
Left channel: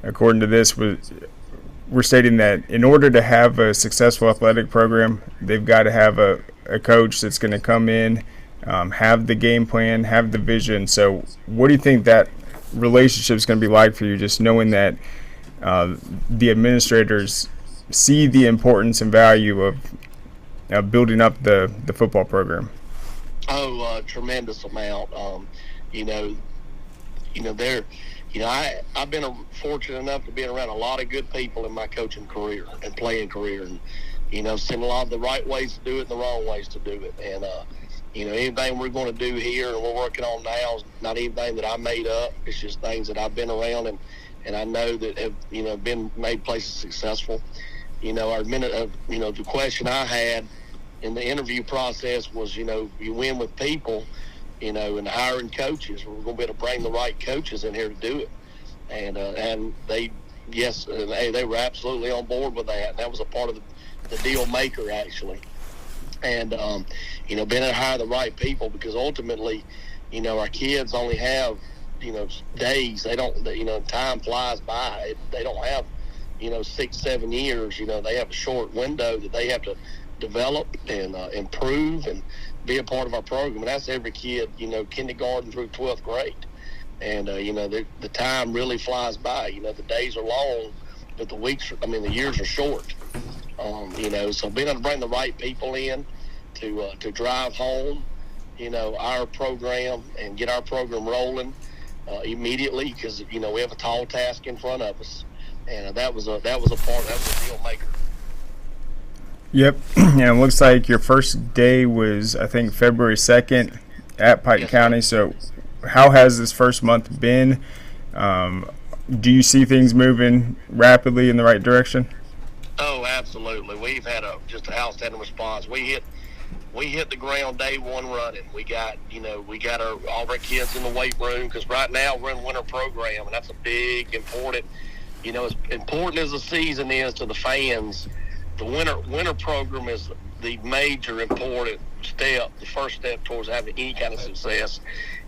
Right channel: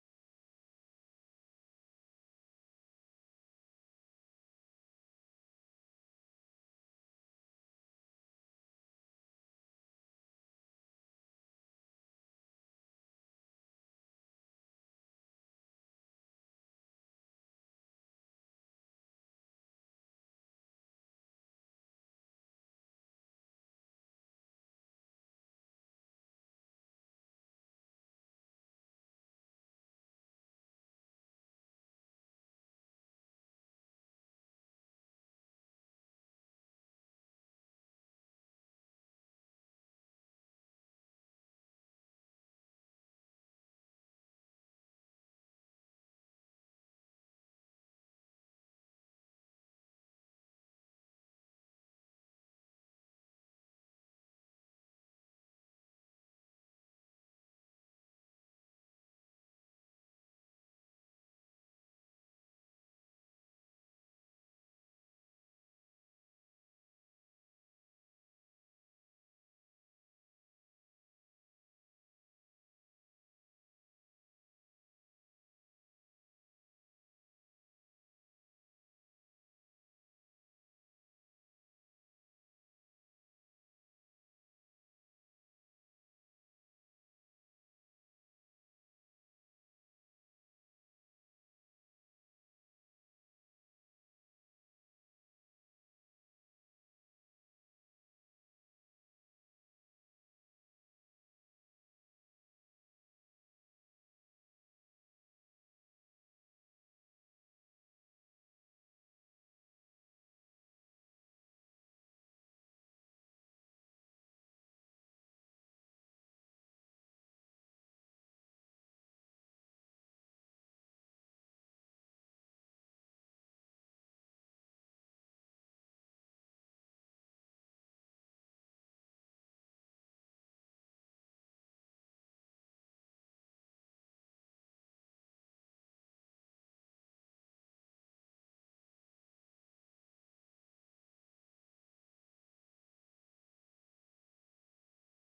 according to this, we're stating that in order to have a successful athletic program, they've got to have a coach that's going to come in, have the game plan, have the vision. So what do you think that relationship is going to be like for you, just knowing that the administrators see the importance and value of building up the football program? Tremendous amount. I've been fortunate enough to be around a lot of good people in my coaching career and playing career, and seen a lot of the right ways to do it and the wrong ways to do it. And anything we're going to do here and we're working on now is not anything that I made up. It's just things that I've been around and I know that have been made places successful. The question I had in the interview process was, you win with people, and hiring coaches. We're going to be able to bring the right coaches in here to do it. And they were absolutely on board with that. That was a part of the deal maker, actually. And, being able to hire the right people, because ultimately, our kids only have, days. They don't, time flies by. They don't have, 6-7 years. They have a short window that they have to develop and improve and be a part of our program. And that's every kid, kindergarten through 12th grade. And, the time really flies by. The days are long, but the years are short. So being able to bring the right people in to drive home, our program and get our program rolling immediately, because, we have a tall task in front of us. And that was a deal maker. Yep, and it looks like your first day was, I think, February 2nd at Pike County. So how has this first month been? Do you see things moving rapidly in the right direction? Oh, absolutely. We've had just an outstanding response. We hit the ground day one running. We got all of our kids in the weight room, because right now we're in winter program, and that's a big, important, as important as the season is to the fans. The winter program is the major important step, the first step towards having any kind of success.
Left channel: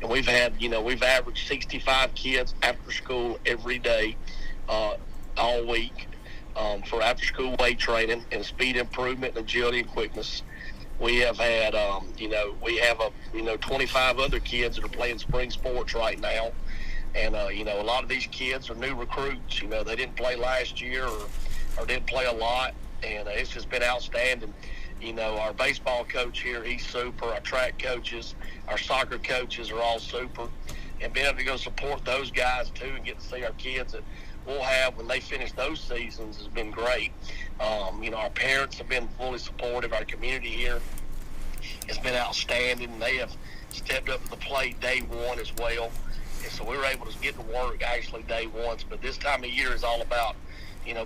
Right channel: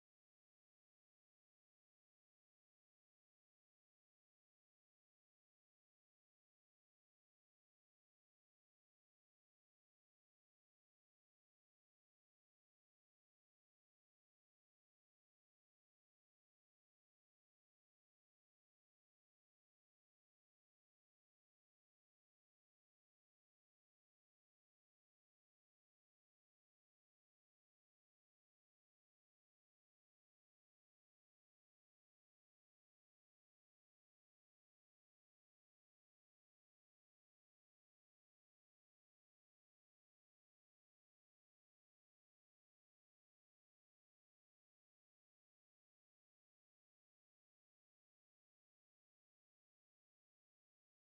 And we've averaged 65 kids after school every day, all week, for after school weight training and speed improvement and agility and quickness. We have had, 25 other kids that are playing spring sports right now. And, a lot of these kids are new recruits. They didn't play last year or didn't play a lot. And it's just been outstanding. Our baseball coach here, he's super. Our track coaches, our soccer coaches are all super. And being able to go support those guys, too, and get to see our kids that we'll have when they finish those seasons has been great. Our parents have been fully supportive. Our community here has been outstanding. They have stepped up to the plate day one as well. And so we were able to get to work actually day one. But this time of year is all about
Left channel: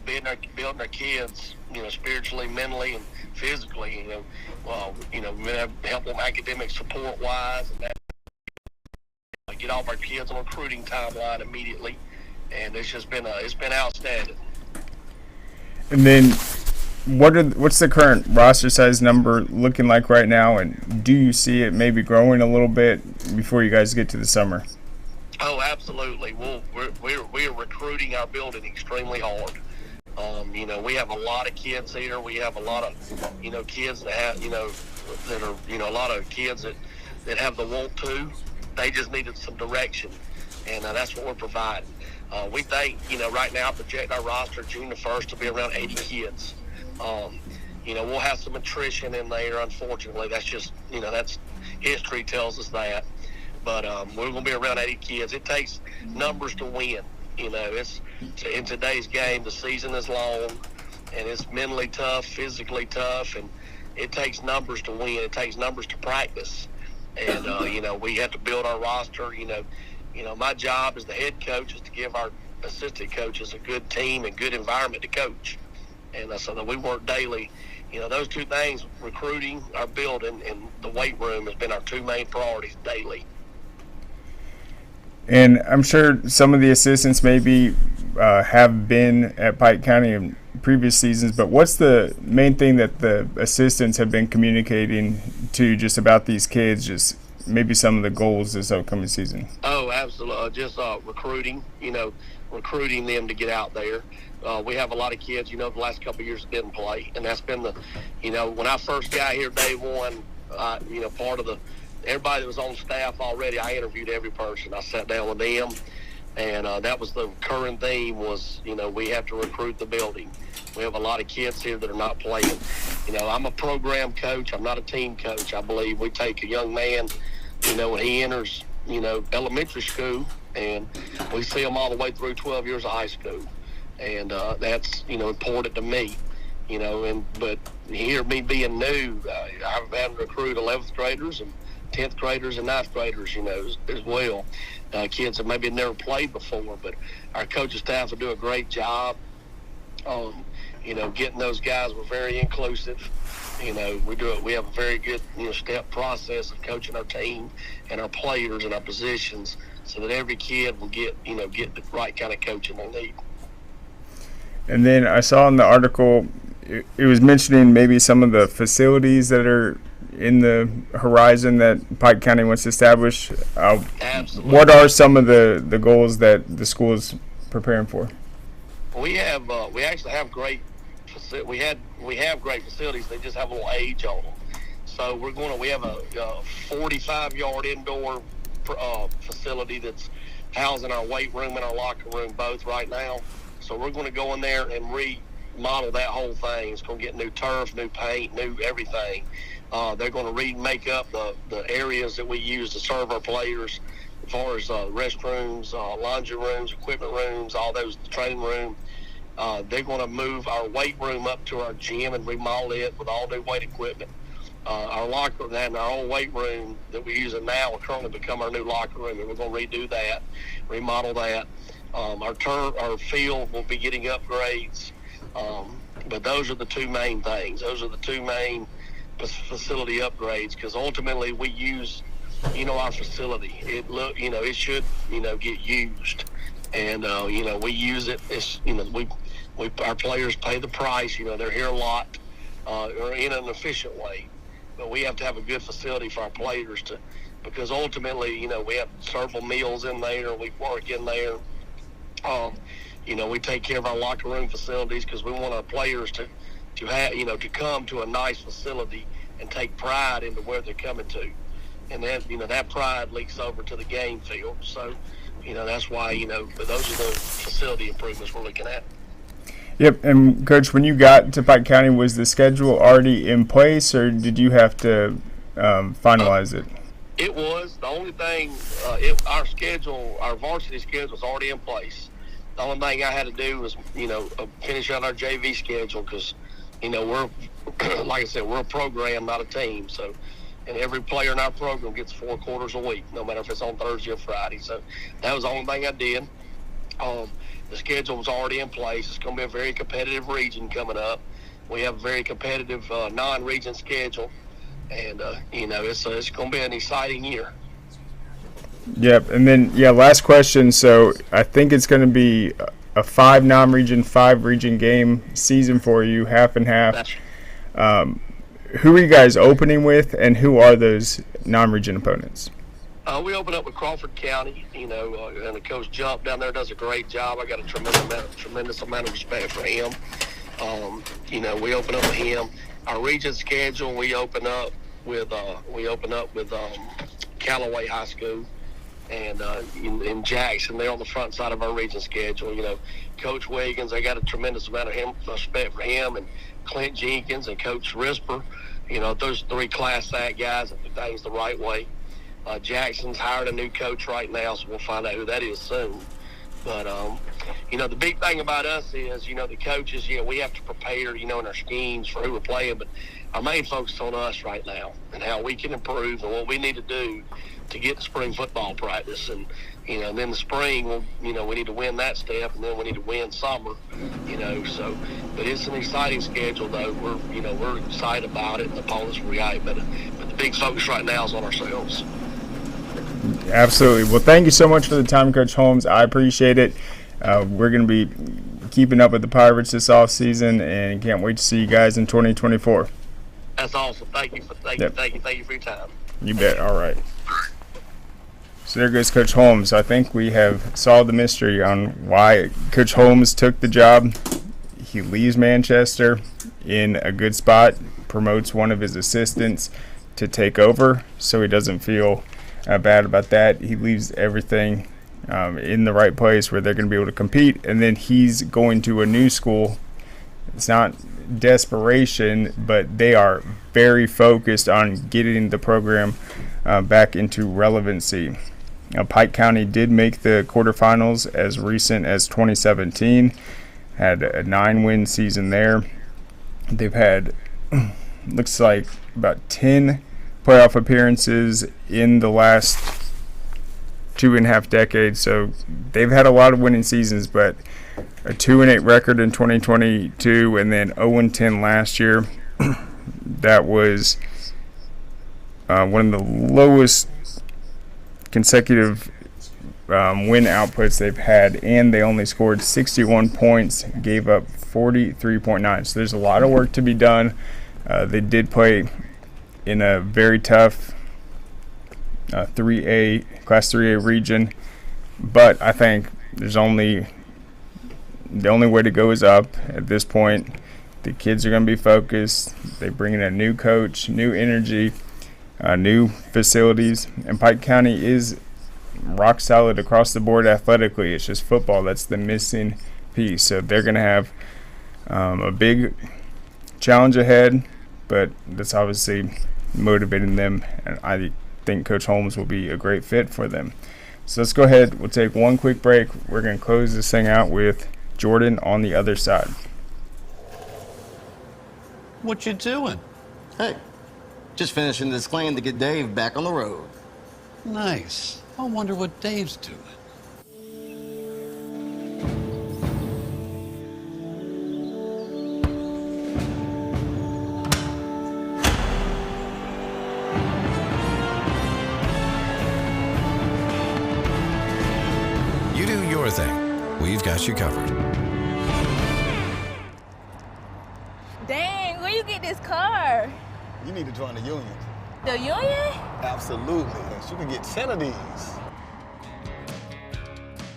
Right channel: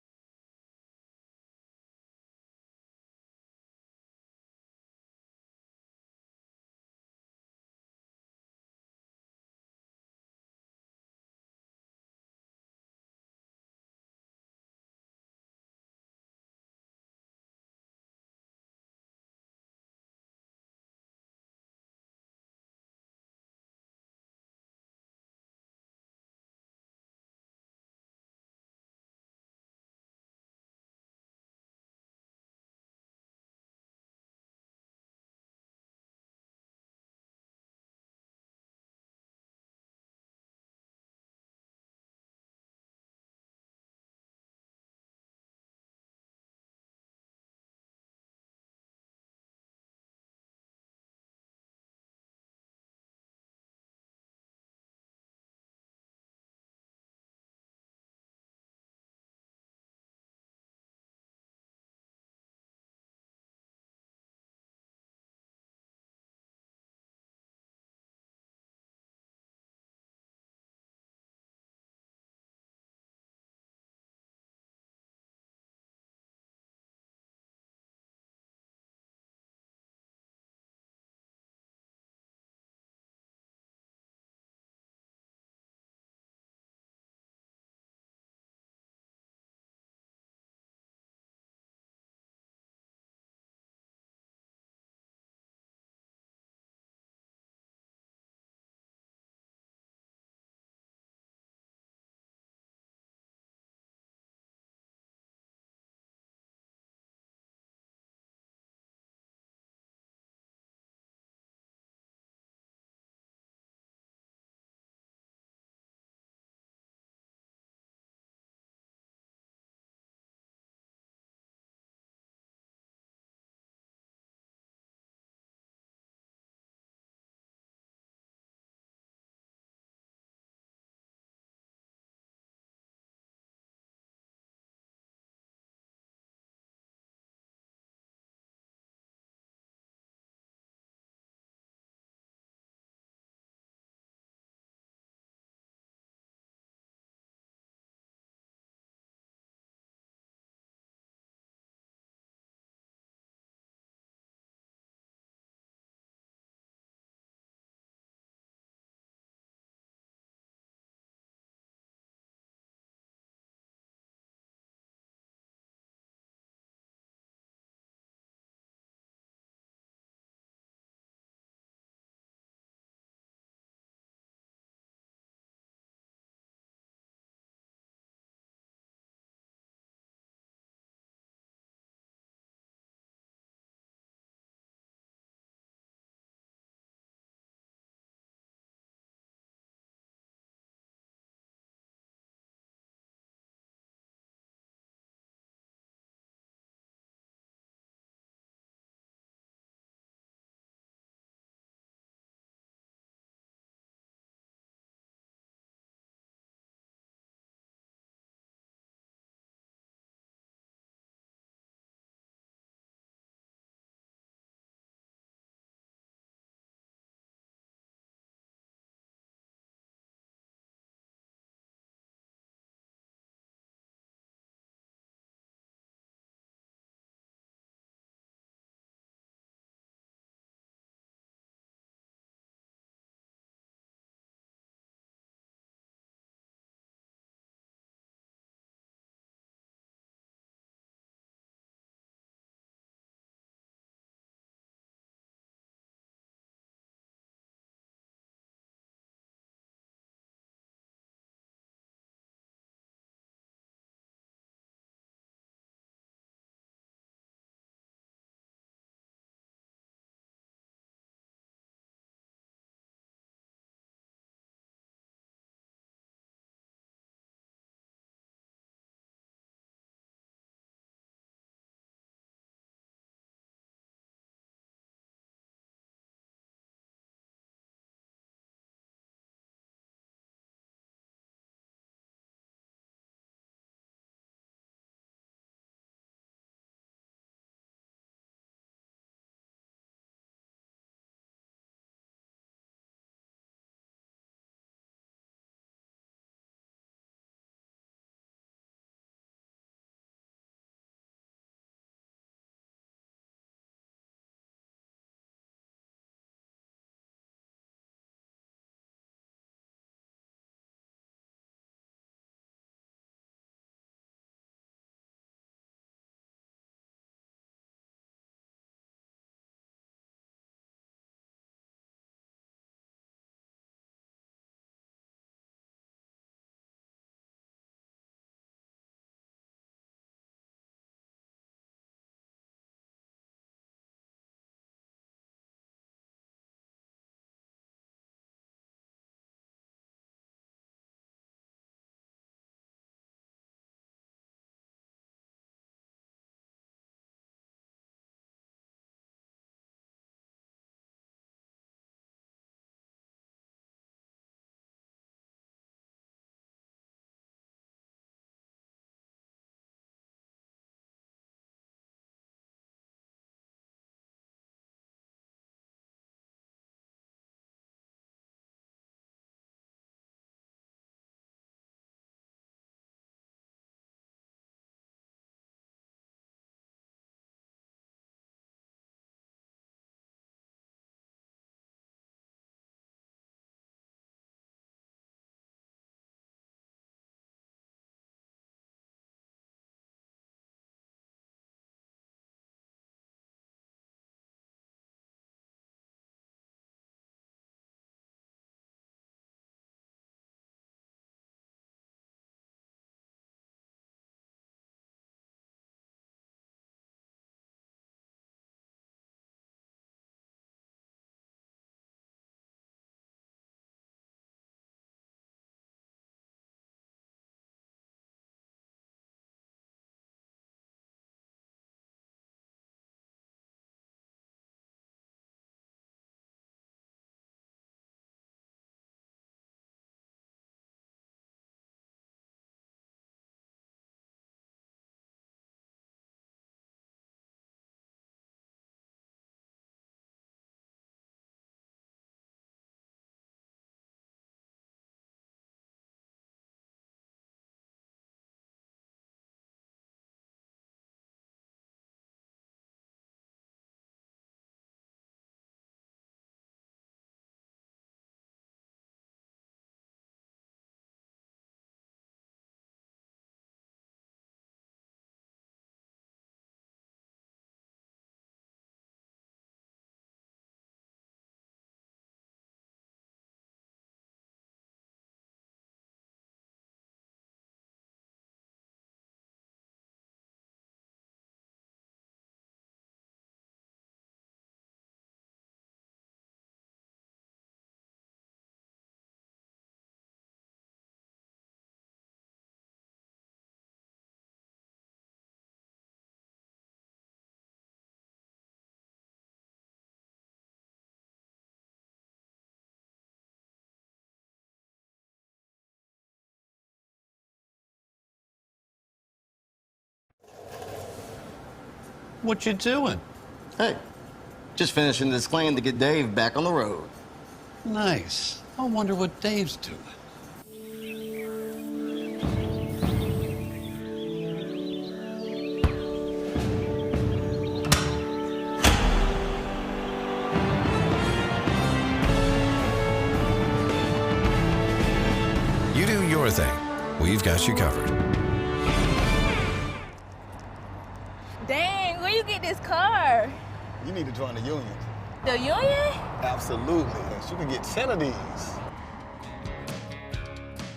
building our kids, spiritually, mentally, and physically. We have to help them academic support wise, and that get all of our kids on a recruiting timeline immediately. And it's just been outstanding. And then, what's the current roster size number looking like right now, and do you see it maybe growing a little bit before you guys get to the summer? Oh, absolutely. We're recruiting our building extremely hard. We have a lot of kids here. We have a lot of, kids that have, that are, a lot of kids that have the want to. They just needed some direction, and that's what we're providing. We think, right now, project our roster June the 1st to be around 80 kids. We'll have some attrition in there, unfortunately. That's just, that's history tells us that. But we're going to be around 80 kids. It takes numbers to win. It's in today's game, the season is long, and it's mentally tough, physically tough, and it takes numbers to win. It takes numbers to practice. And, we have to build our roster. My job as the head coach is to give our assistant coaches a good team and good environment to coach. And so that we work daily those two things, recruiting, our building, and the weight room, has been our two main priorities daily. And I'm sure some of the assistants maybe have been at Pike County in previous seasons, but what's the main thing that the assistants have been communicating to just about these kids, just maybe some of the goals this upcoming season? Oh, absolutely. Just recruiting, recruiting them to get out there. We have a lot of kids, the last couple of years didn't play, and that's been when I first got here day one, part of everybody that was on staff already, I interviewed every person. I sat down with them, and that was the current theme was, we have to recruit the building. We have a lot of kids here that are not playing. I'm a program coach. I'm not a team coach. I believe we take a young man, when he enters, elementary school, and we see him all the way through 12 years of high school. And that's, important to me, but here, me being new, I've had to recruit 11th graders and 10th graders and 9th graders, as well. Kids that maybe never played before, but our coaching staff will do a great job. Getting those guys. We're very inclusive. We have a very good, step process of coaching our team and our players and our positions so that every kid will get the right kind of coaching they need. And then I saw in the article, it was mentioning maybe some of the facilities that are in the horizon that Pike County wants to establish. Absolutely. What are some of the goals that the school is preparing for? We actually have great great facilities. They just have a little age on them. So we have a 45-yard indoor facility that's housing our weight room and our locker room both right now. So we're going to go in there and remodel that whole thing. It's going to get new turf, new paint, new everything. They're going to remake up the areas that we use to serve our players, as far as restrooms, laundry rooms, equipment rooms, all those, training room. They're going to move our weight room up to our gym and remodel it with all new weight equipment. Our locker room and our old weight room that we're using now will currently become our new locker room, and we're going to redo that, remodel that. Our field will be getting upgrades, but those are the two main things. Those are the two main facility upgrades, because ultimately we use, our facility. It should, get used, and we use it. It's, our players pay the price. They're here a lot, or in an efficient way, but we have to have a good facility for our players because ultimately, we have several meals in there. We work in there. We take care of our locker room facilities because we want our players to have, to come to a nice facility and take pride into where they're coming to. And then, that pride leaks over to the game field. So, that's why, those are the facility improvements we're looking at. Yep. And Coach, when you got to Pike County, was the schedule already in place, or did you have to finalize it? It was. The only thing, our varsity schedule is already in place. The only thing I had to do was, finish out our JV schedule because, we're, like I said, we're a program, not a team. So, and every player in our program gets 4 quarters a week, no matter if it's on Thursday or Friday. So that was the only thing I did. The schedule was already in place. It's going to be a very competitive region coming up. We have a very competitive non-region schedule. And, it's going to be an exciting year. Yep. And then, last question. So I think it's going to be a 5 non-region, 5 region game season for you, half and half. Who are you guys opening with, and who are those non-region opponents? We open up with Crawford County, and the coach Jump down there does a great job. I got a tremendous amount of respect for him. We open up with him. Our region schedule, we open up with Callaway High School and in Jackson. They're on the front side of our region schedule. Coach Wiggins, I got a tremendous amount of respect for him, and Clint Jenkins and Coach Risper. Those 3 class act guys that do things the right way. Jackson's hired a new coach right now, so we'll find out who that is soon. But, the big thing about us is, the coaches, we have to prepare, in our schemes for who we're playing. But our main focus is on us right now and how we can improve and what we need to do to get to spring football practice. And, Then the spring, we need to win that step, and then we need to win summer, So, but it's an exciting schedule, though. We're excited about it, and the opponents were right, but the big focus right now is on ourselves. Absolutely. Well, thank you so much for the time, Coach Holmes. I appreciate it. We're going to be keeping up with the Pirates this offseason, and can't wait to see you guys in 2024. That's awesome. Thank you for your time. You bet. All right. So there goes Coach Holmes. I think we have solved the mystery on why Coach Holmes took the job. He leaves Manchester in a good spot, promotes one of his assistants to take over, so he doesn't feel bad about that. He leaves everything in the right place where they're going to be able to compete, and then he's going to a new school. It's not desperation, but they are very focused on getting the program back into relevancy. Pike County did make the quarterfinals as recent as 2017, had a 9-win season there. They've had, looks like, about 10 playoff appearances in the last 2.5 decades, so they've had a lot of winning seasons, but a 2-8 record in 2022 and then 0-10 last year. That was one of the lowest consecutive win outputs they've had, and they only scored 61 points, gave up 43.9. So there's a lot of work to be done. They did play in a very tough Class 3A region, but I think the only way to go is up at this point. The kids are going to be focused. They bring in a new coach, new energy, new facilities, and Pike County is rock solid across the board athletically. It's just football that's the missing piece. So they're going to have a big challenge ahead, but that's obviously motivating them, and I think Coach Holmes will be a great fit for them. So let's go ahead. We'll take one quick break. We're going to close this thing out with Jordan on the other side. What you doing? Hey, just finishing this claim to get Dave back on the road. Nice. I wonder what Dave's doing. You do your thing. We've got you covered. Dang, where you get this car? You need to join the union. The union? Absolutely. You can get 10 of these.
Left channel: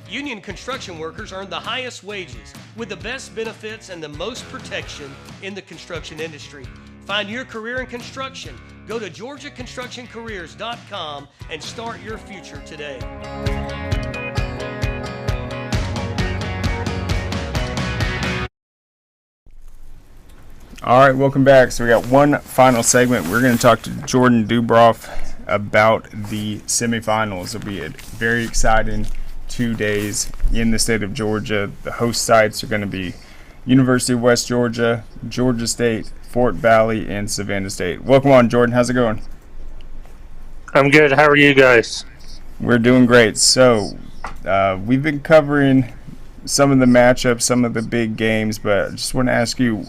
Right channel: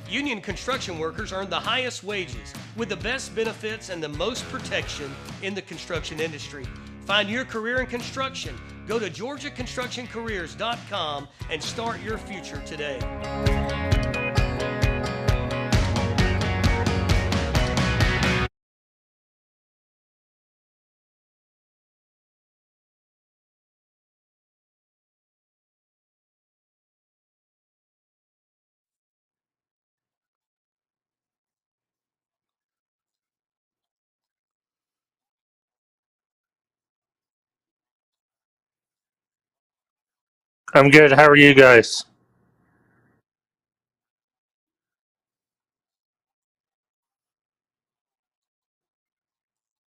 Union construction workers earn the highest wages with the best benefits and the most protection in the construction industry. Find your career in construction. Go to GeorgiaConstructionCareers.com and start your future today. All right, welcome back. So we got one final segment. We're going to talk to Jordan Dubrof about the semifinals. It'll be a very exciting 2 days in the state of Georgia. The host sites are going to be University of West Georgia, Georgia State, Fort Valley, and Savannah State. Welcome on, Jordan. How's it going? I'm good. How are you guys? We're doing great. So we've been covering some of the matchups, some of the big games, but I just want to ask you,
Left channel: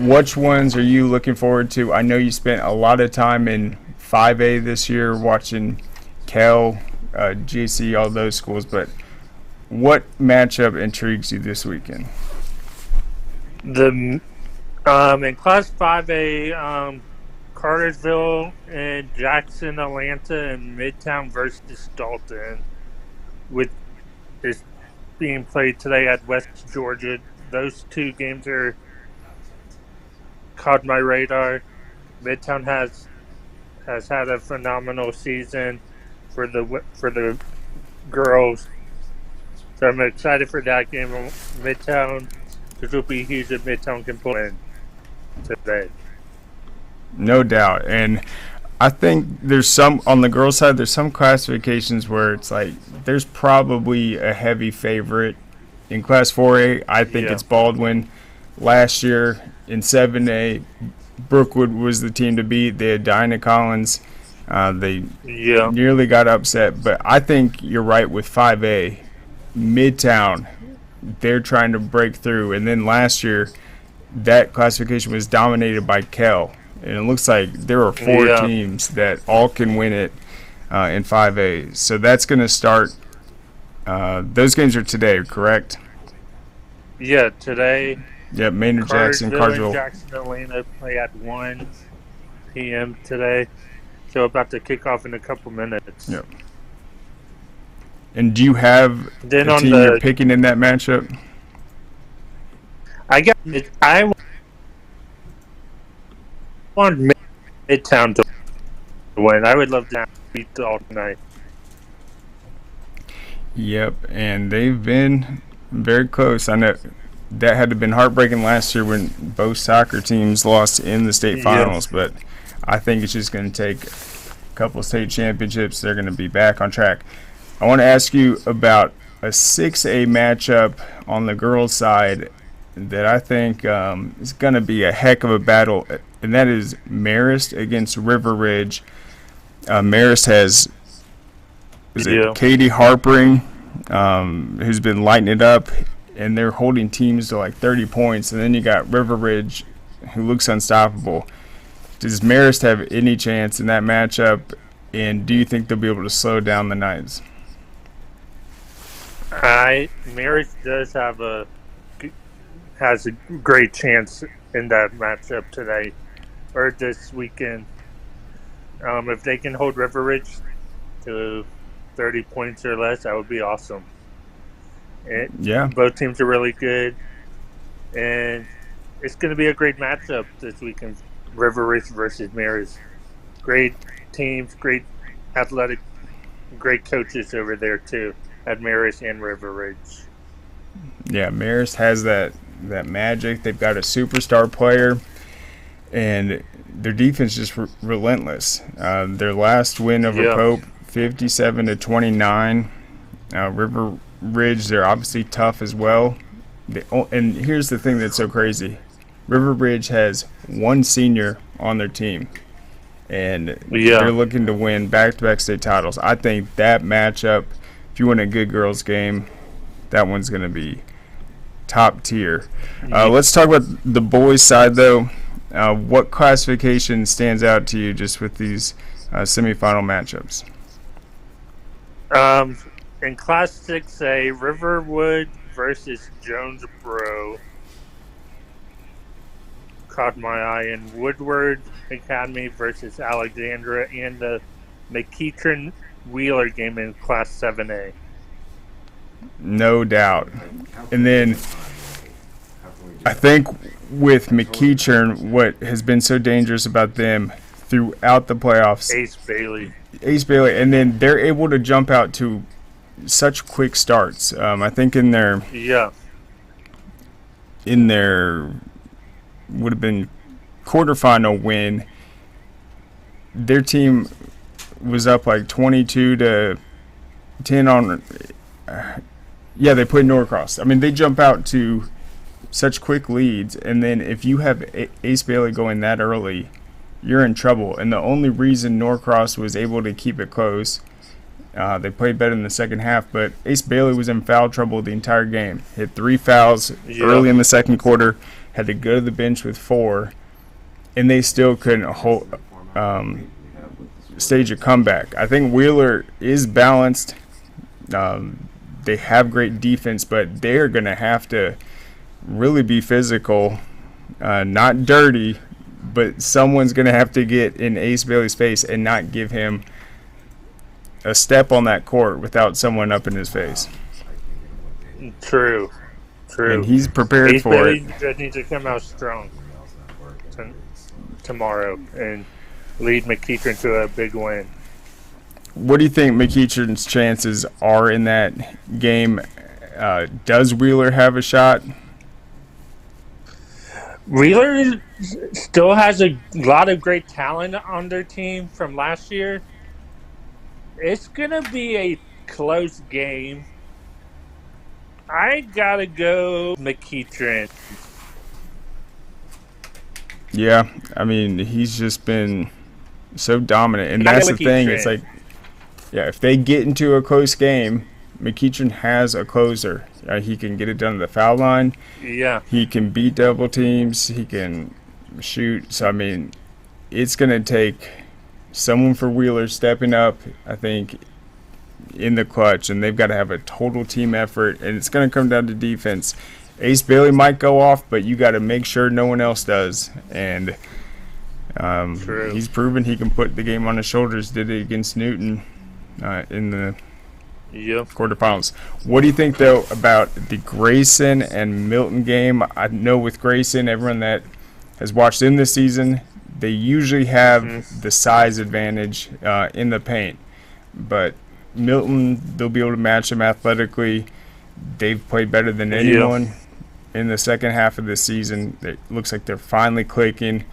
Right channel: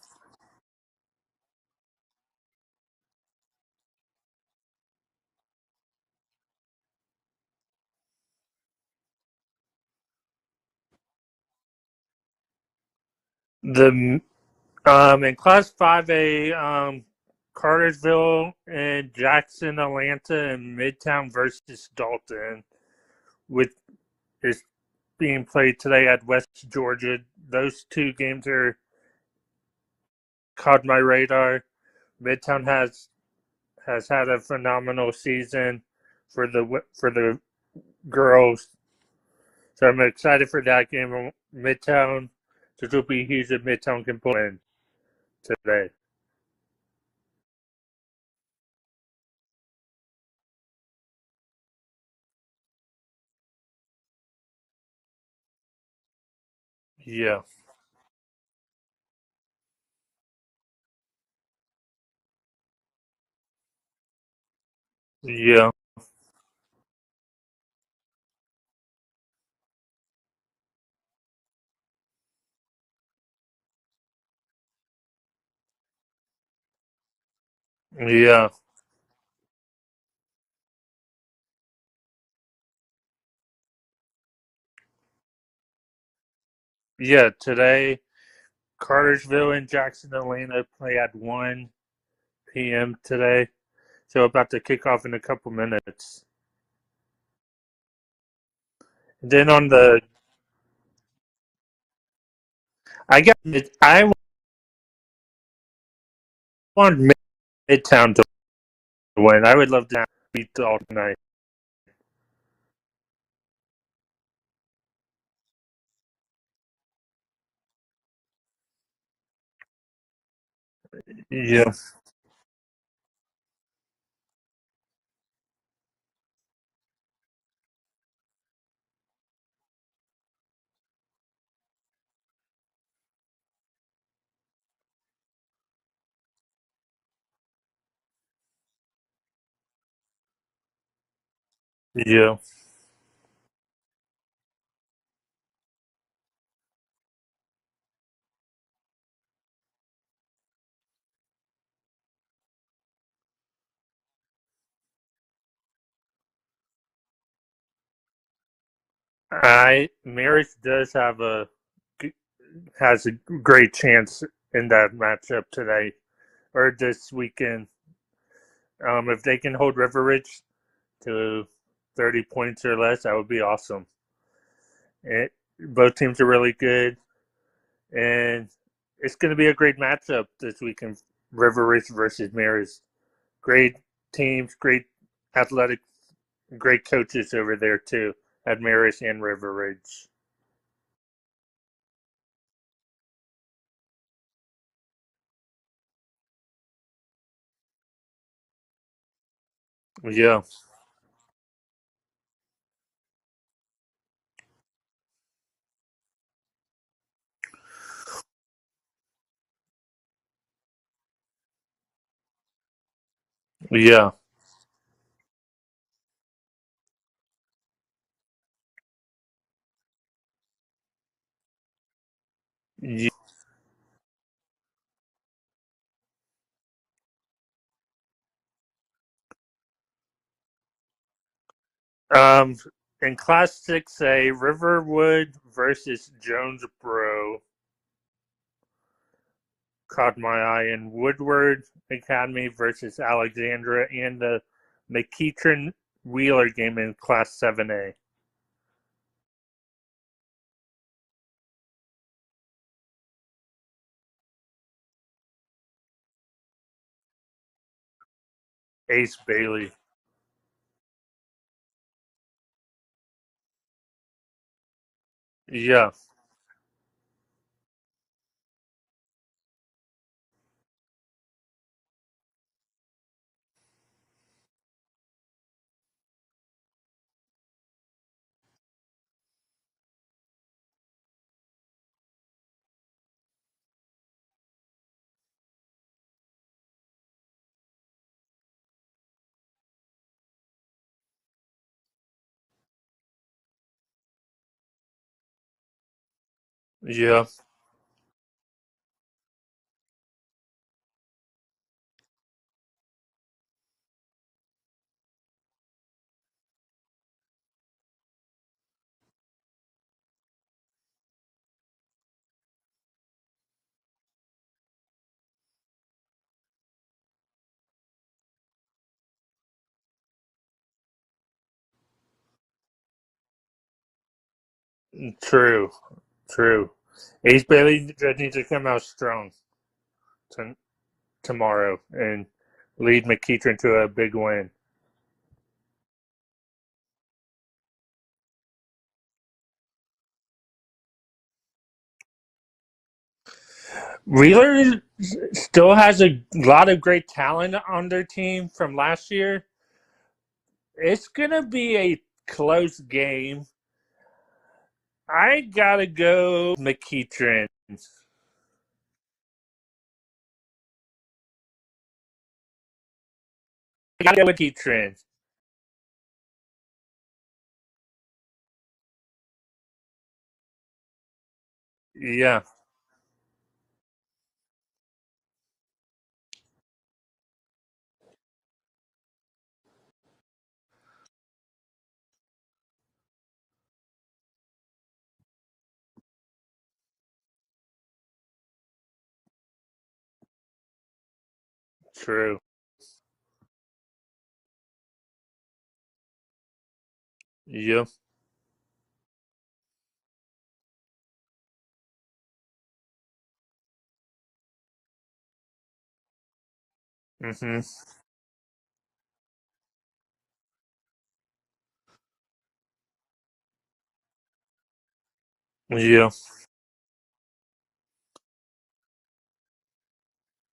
which ones are you looking forward to? I know you spent a lot of time in 5A this year watching Cal, GC, all those schools, but what matchup intrigues you this weekend? In Class 5A, Cartersville and Jackson, Atlanta, and Midtown versus Dalton, with is being played today at West Georgia. Those two games are caught my radar. Midtown has had a phenomenal season for the girls, so I'm excited for that game. Midtown, this will be huge if Midtown can pull in today. No doubt. And I think there's some, on the girls' side, there's some classifications where it's like there's probably a heavy favorite. In Class 4A, I think it's Baldwin. Last year in 7A, Brookwood was the team to beat. They had Dinah Collins They nearly got upset, but I think you're right with 5A. Midtown, they're trying to break through. And then last year, that classification was dominated by Kell. And it looks like there are 4 teams that all can win it in 5A. So that's going to start. Those games are today, correct? Yeah, today. Yep, Maynard Jackson, Cartersville and Jackson Atlanta play at 1 p.m. today. So about to kick off in a couple minutes. Yep. And do you have then a on team the you're picking in that matchup? I want Midtown to win. I would love to beat all tonight. Yep, and they've been very close. I know that had to have been heartbreaking last year when both soccer teams lost in the state finals, but I think it's just going to take a couple of state championships. They're going to be back on track. I want to ask you about a 6A matchup on the girls' side that I think is going to be a heck of a battle, and that is Marist against River Ridge. Marist has Katie Harpering, who's been lighting it up, and they're holding teams to like 30 points. And then you got River Ridge, who looks unstoppable. Does Marist have any chance in that matchup, and do you think they'll be able to slow down the Knights? Marist does has a great chance in that matchup today or this weekend. If they can hold River Ridge to 30 points or less, that would be awesome. Both teams are really good, and it's going to be a great matchup this weekend. River Ridge versus Marist. Great teams, great athletic, great coaches over there too at Marist and River Ridge. Yeah, Marist has that magic. They've got a superstar player, and their defense just relentless. Their last win over Pope, 57-29. River Ridge, they're obviously tough as well. And here's the thing that's so crazy. River Ridge has one senior on their team, and they're looking to win back-to-back state titles. I think that matchup, if you want a good girls game, that one's going to be top tier. Let's talk about the boys' side, though. What classification stands out to you just with these semifinal matchups? In Class 6A, Riverwood versus Jonesboro caught my eye, and Woodward Academy versus Alexandra, and the McEachern Wheeler game in Class 7A. No doubt. And then I think with McEachern, what has been so dangerous about them throughout the playoffs, Ace Bailey, and then they're able to jump out to such quick starts. I think in their would have been quarterfinal win, their team was up like 22-10 on. They played Norcross. I mean, they jump out to such quick leads, and then if you have Ace Bailey going that early, you're in trouble. And the only reason Norcross was able to keep it close, they played better in the second half, but Ace Bailey was in foul trouble the entire game. Hit 3 fouls early in the second quarter, had to go to the bench with 4, and they still couldn't stage a comeback. I think Wheeler is balanced. They have great defense, but they're going to have to really be physical, not dirty, but someone's going to have to get in Ace Bailey's face and not give him a step on that court without someone up in his face. True. And he's prepared Ace for Bailey it. just needs to come out strong tomorrow and lead McEachern to a big win. What do you think McEachern's chances are in that game? Does Wheeler have a shot? Wheeler still has a lot of great talent on their team from last year. It's going to be a close game. I got to go McEachern. Yeah, I mean, he's just been so dominant. And I that's know the thing. It's McEachern. like, yeah, if they get into a close game, McEachern has a closer. He can get it done at the foul line. Yeah. He can beat double teams. He can shoot. So, I mean, it's going to take someone for Wheeler stepping up, I think, in the clutch. And they've got to have a total team effort. And it's going to come down to defense. Ace Bailey might go off, but you got to make sure no one else does. And True. he's proven he can put the game on his shoulders. Did it against Newton in the quarterfinals. What do you think, though, about the Grayson and Milton game? I know with Grayson, everyone that has watched in this season, they usually have the size advantage in the paint. But Milton, they'll be able to match them athletically. They've played better than anyone in the second half of the season. It looks like they're finally clicking.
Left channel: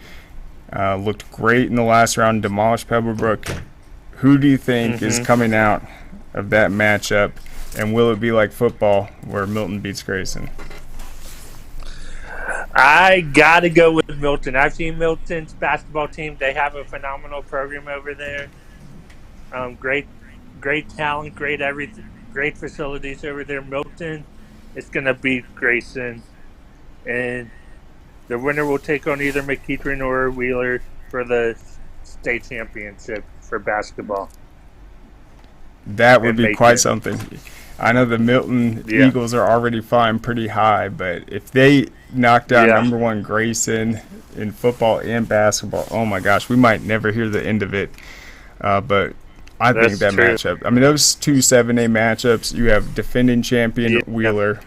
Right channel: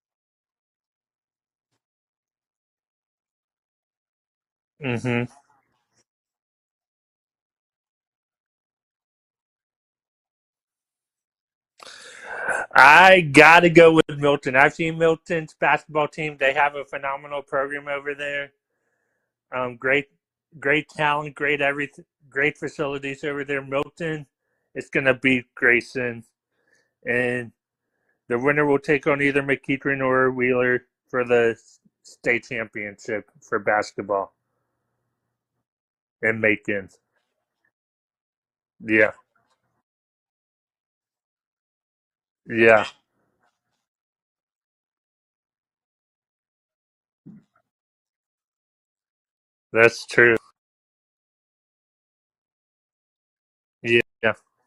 Looked great in the last round, demolished Pebblebrook. Who do you think is coming out of that matchup, and will it be like football where Milton beats Grayson? I got to go with Milton. I've seen Milton's basketball team. They have a phenomenal program over there. Great talent, great everything, great facilities over there. Milton is going to beat Grayson, and the winner will take on either McEachern or Wheeler for the state championship for basketball. That would be quite something. I know the Milton Eagles are already flying pretty high, but if they knocked out number one Grayson in football and basketball, oh my gosh, we might never hear the end of it. But I think that matchup, I mean, those two 7A matchups, you have defending champion Wheeler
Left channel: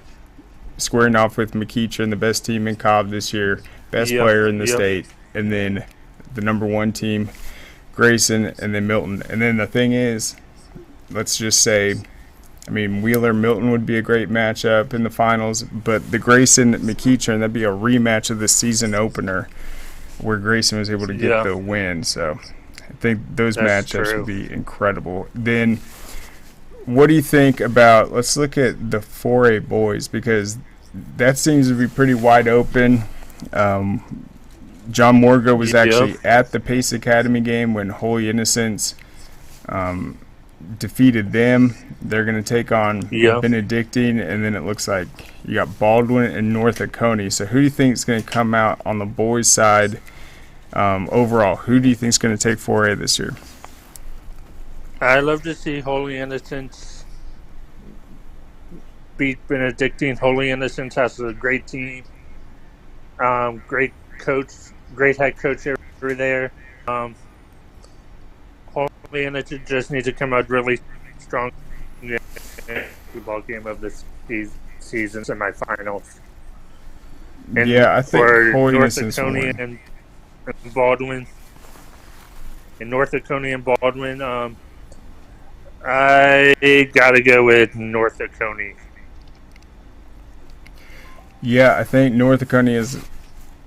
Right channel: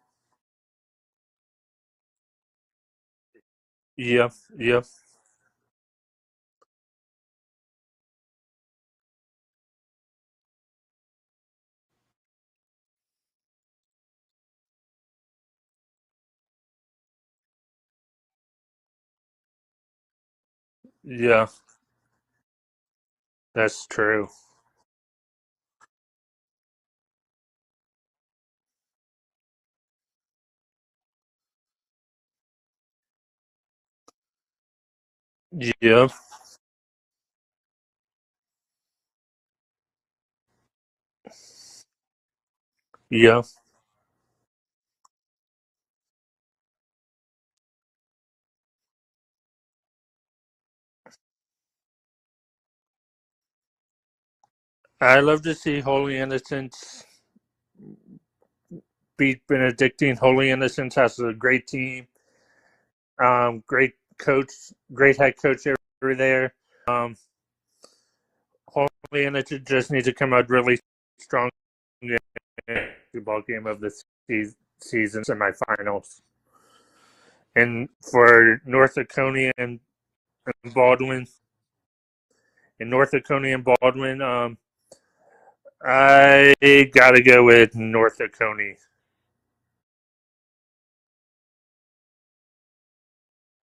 squaring off with McEachern, the best team in Cobb this year, best player in the state, and then the number one team, Grayson, and then Milton. And then the thing is, let's just say, I mean, Wheeler-Milton would be a great matchup in the finals, but the Grayson-McEachern, that'd be a rematch of the season opener where Grayson was able to get the win. So I think those matchups would be incredible. Then what do you think about, let's look at the 4A boys, because that seems to be pretty wide open. John Morgo was actually at the Pace Academy game when Holy Innocents defeated them. They're going to take on Benedictine, and then it looks like you got Baldwin and North Oconee. So who do you think is going to come out on the boys' side overall? Who do you think is going to take 4A this year? I love to see Holy Innocents beat Benedictine. Holy Innocents has a great team, great coach, great head coach over there. Holy Innocents just needs to come out really strong in the ball game of the season semifinals. And I think for Holy North Innocents Oconee and Baldwin, I gotta go with North Oconee. Yeah, I think North Oconee has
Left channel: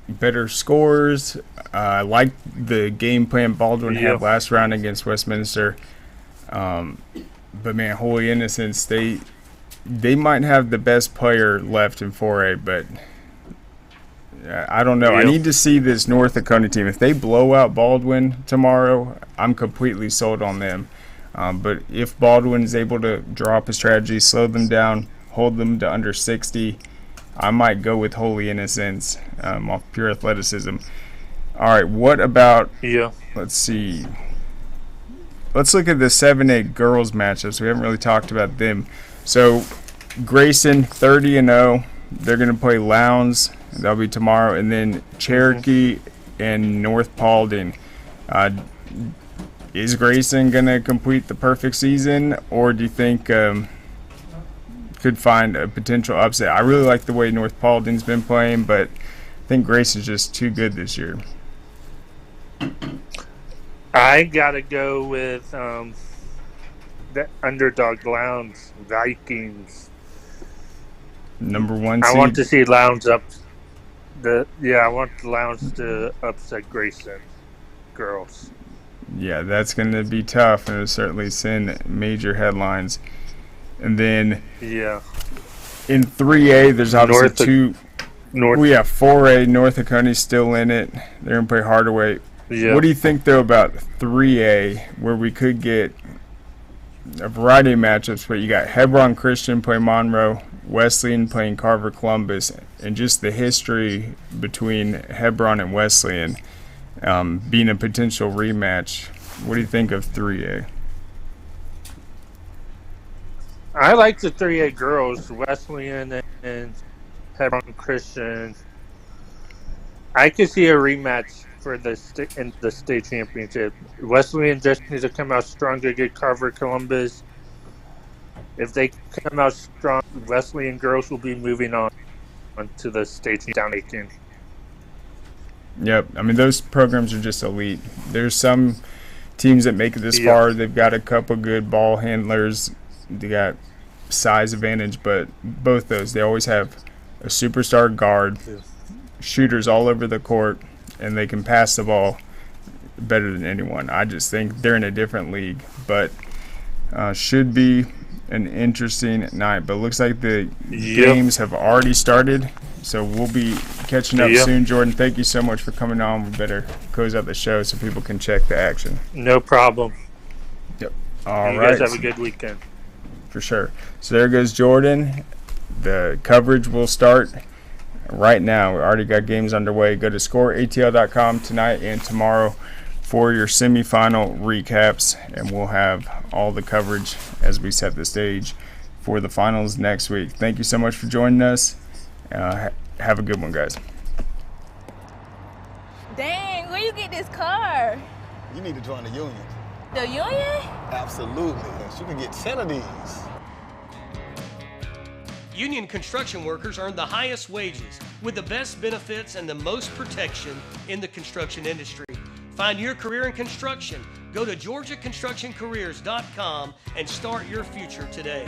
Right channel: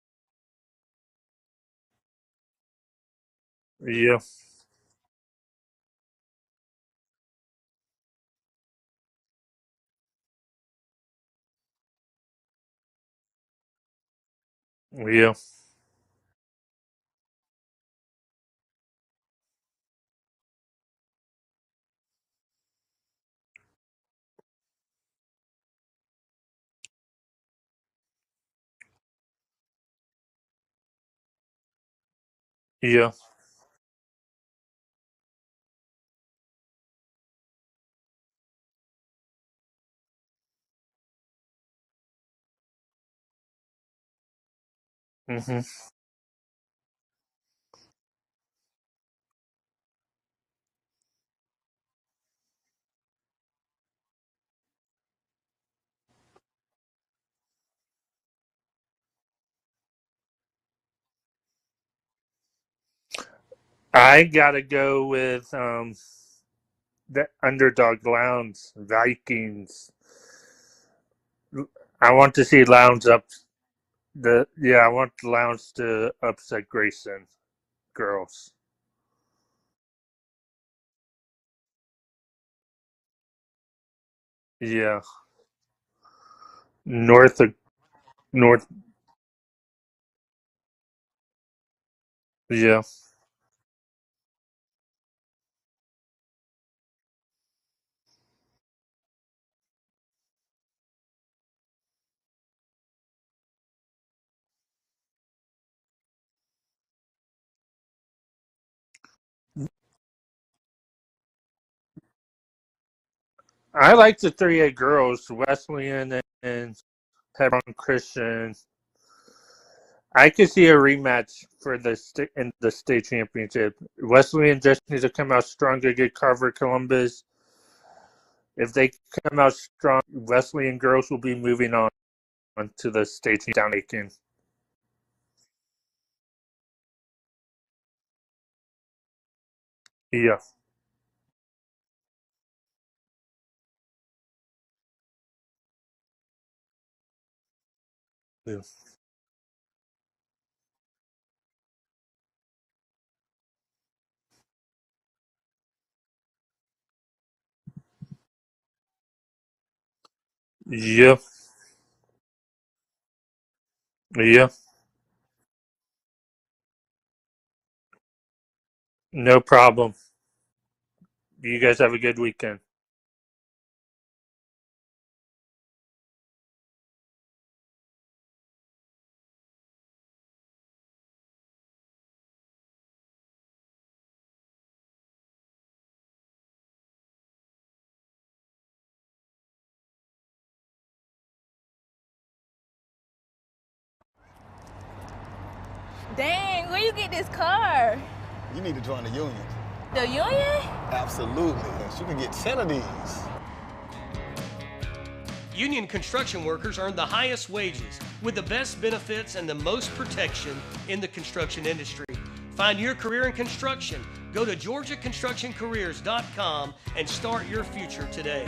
better scores. I like the game plan Baldwin had last round against Westminster. But man, Holy Innocents, they might have the best player left in 4A, but I don't know. I need to see this North Oconee team. If they blow out Baldwin tomorrow, I'm completely sold on them. But if Baldwin is able to draw up a strategy, slow them down, hold them to under 60, I might go with Holy Innocents off pure athleticism. All right, what about, let's see. Let's look at the 7A girls matchups. We haven't really talked about them. So Grayson, 30-0. They're going to play Lowndes. That'll be tomorrow. And then Cherokee and North Paulding. Is Grayson going to complete the perfect season, or do you think could find a potential upset? I really like the way North Paulding's been playing, but I think Grayson's just too good this year. I gotta go with the underdog Lowndes Vikings. Number one I seed. want to see Lowndes up. I want Lowndes to upset Grayson girls. Yeah, that's going to be tough, and it'll certainly send major headlines. And then in 3A, there's obviously 4A. North Oconee's still in it. They're going to play Hardaway. What do you think, though, about 3A, where we could get a variety of matchups, but you got Hebron Christian playing Monroe, Wesleyan playing Carver Columbus, and just the history between Hebron and Wesleyan being a potential rematch. What do you think of 3A? I like the 3A girls, Wesleyan and Hebron Christian. I could see a rematch for the state championship. Wesleyan just needs to come out strong to get Carver Columbus. If they come out strong, Wesleyan girls will be moving on to the state down 18. Yep. I mean, those programs are just elite. There's some teams that make it this far. They've got a couple good ball handlers. They got size advantage, but both those, they always have a superstar guard, shooters all over the court, and they can pass the ball better than anyone. I just think they're in a different league, but should be an interesting night. But it looks like the games have already started, so we'll be catching up soon. Jordan, thank you so much for coming on. We better close out the show so people can check the action. No problem. Yep. You guys have a good weekend. For sure. So there goes Jordan. The coverage will start right now. We already got games underway. Go to scoreatl.com tonight and tomorrow for your semifinal recaps, and we'll have all the coverage as we set the stage for the finals next week. Thank you so much for joining us. Have a good one, guys. Dang, where you get this car? You need to join the union. The union? Absolutely. You can get 10 of these. Union construction workers earn the highest wages with the best benefits and the most protection in the construction industry. Find your career in construction. Go to GeorgiaConstructionCareers.com and start your future today.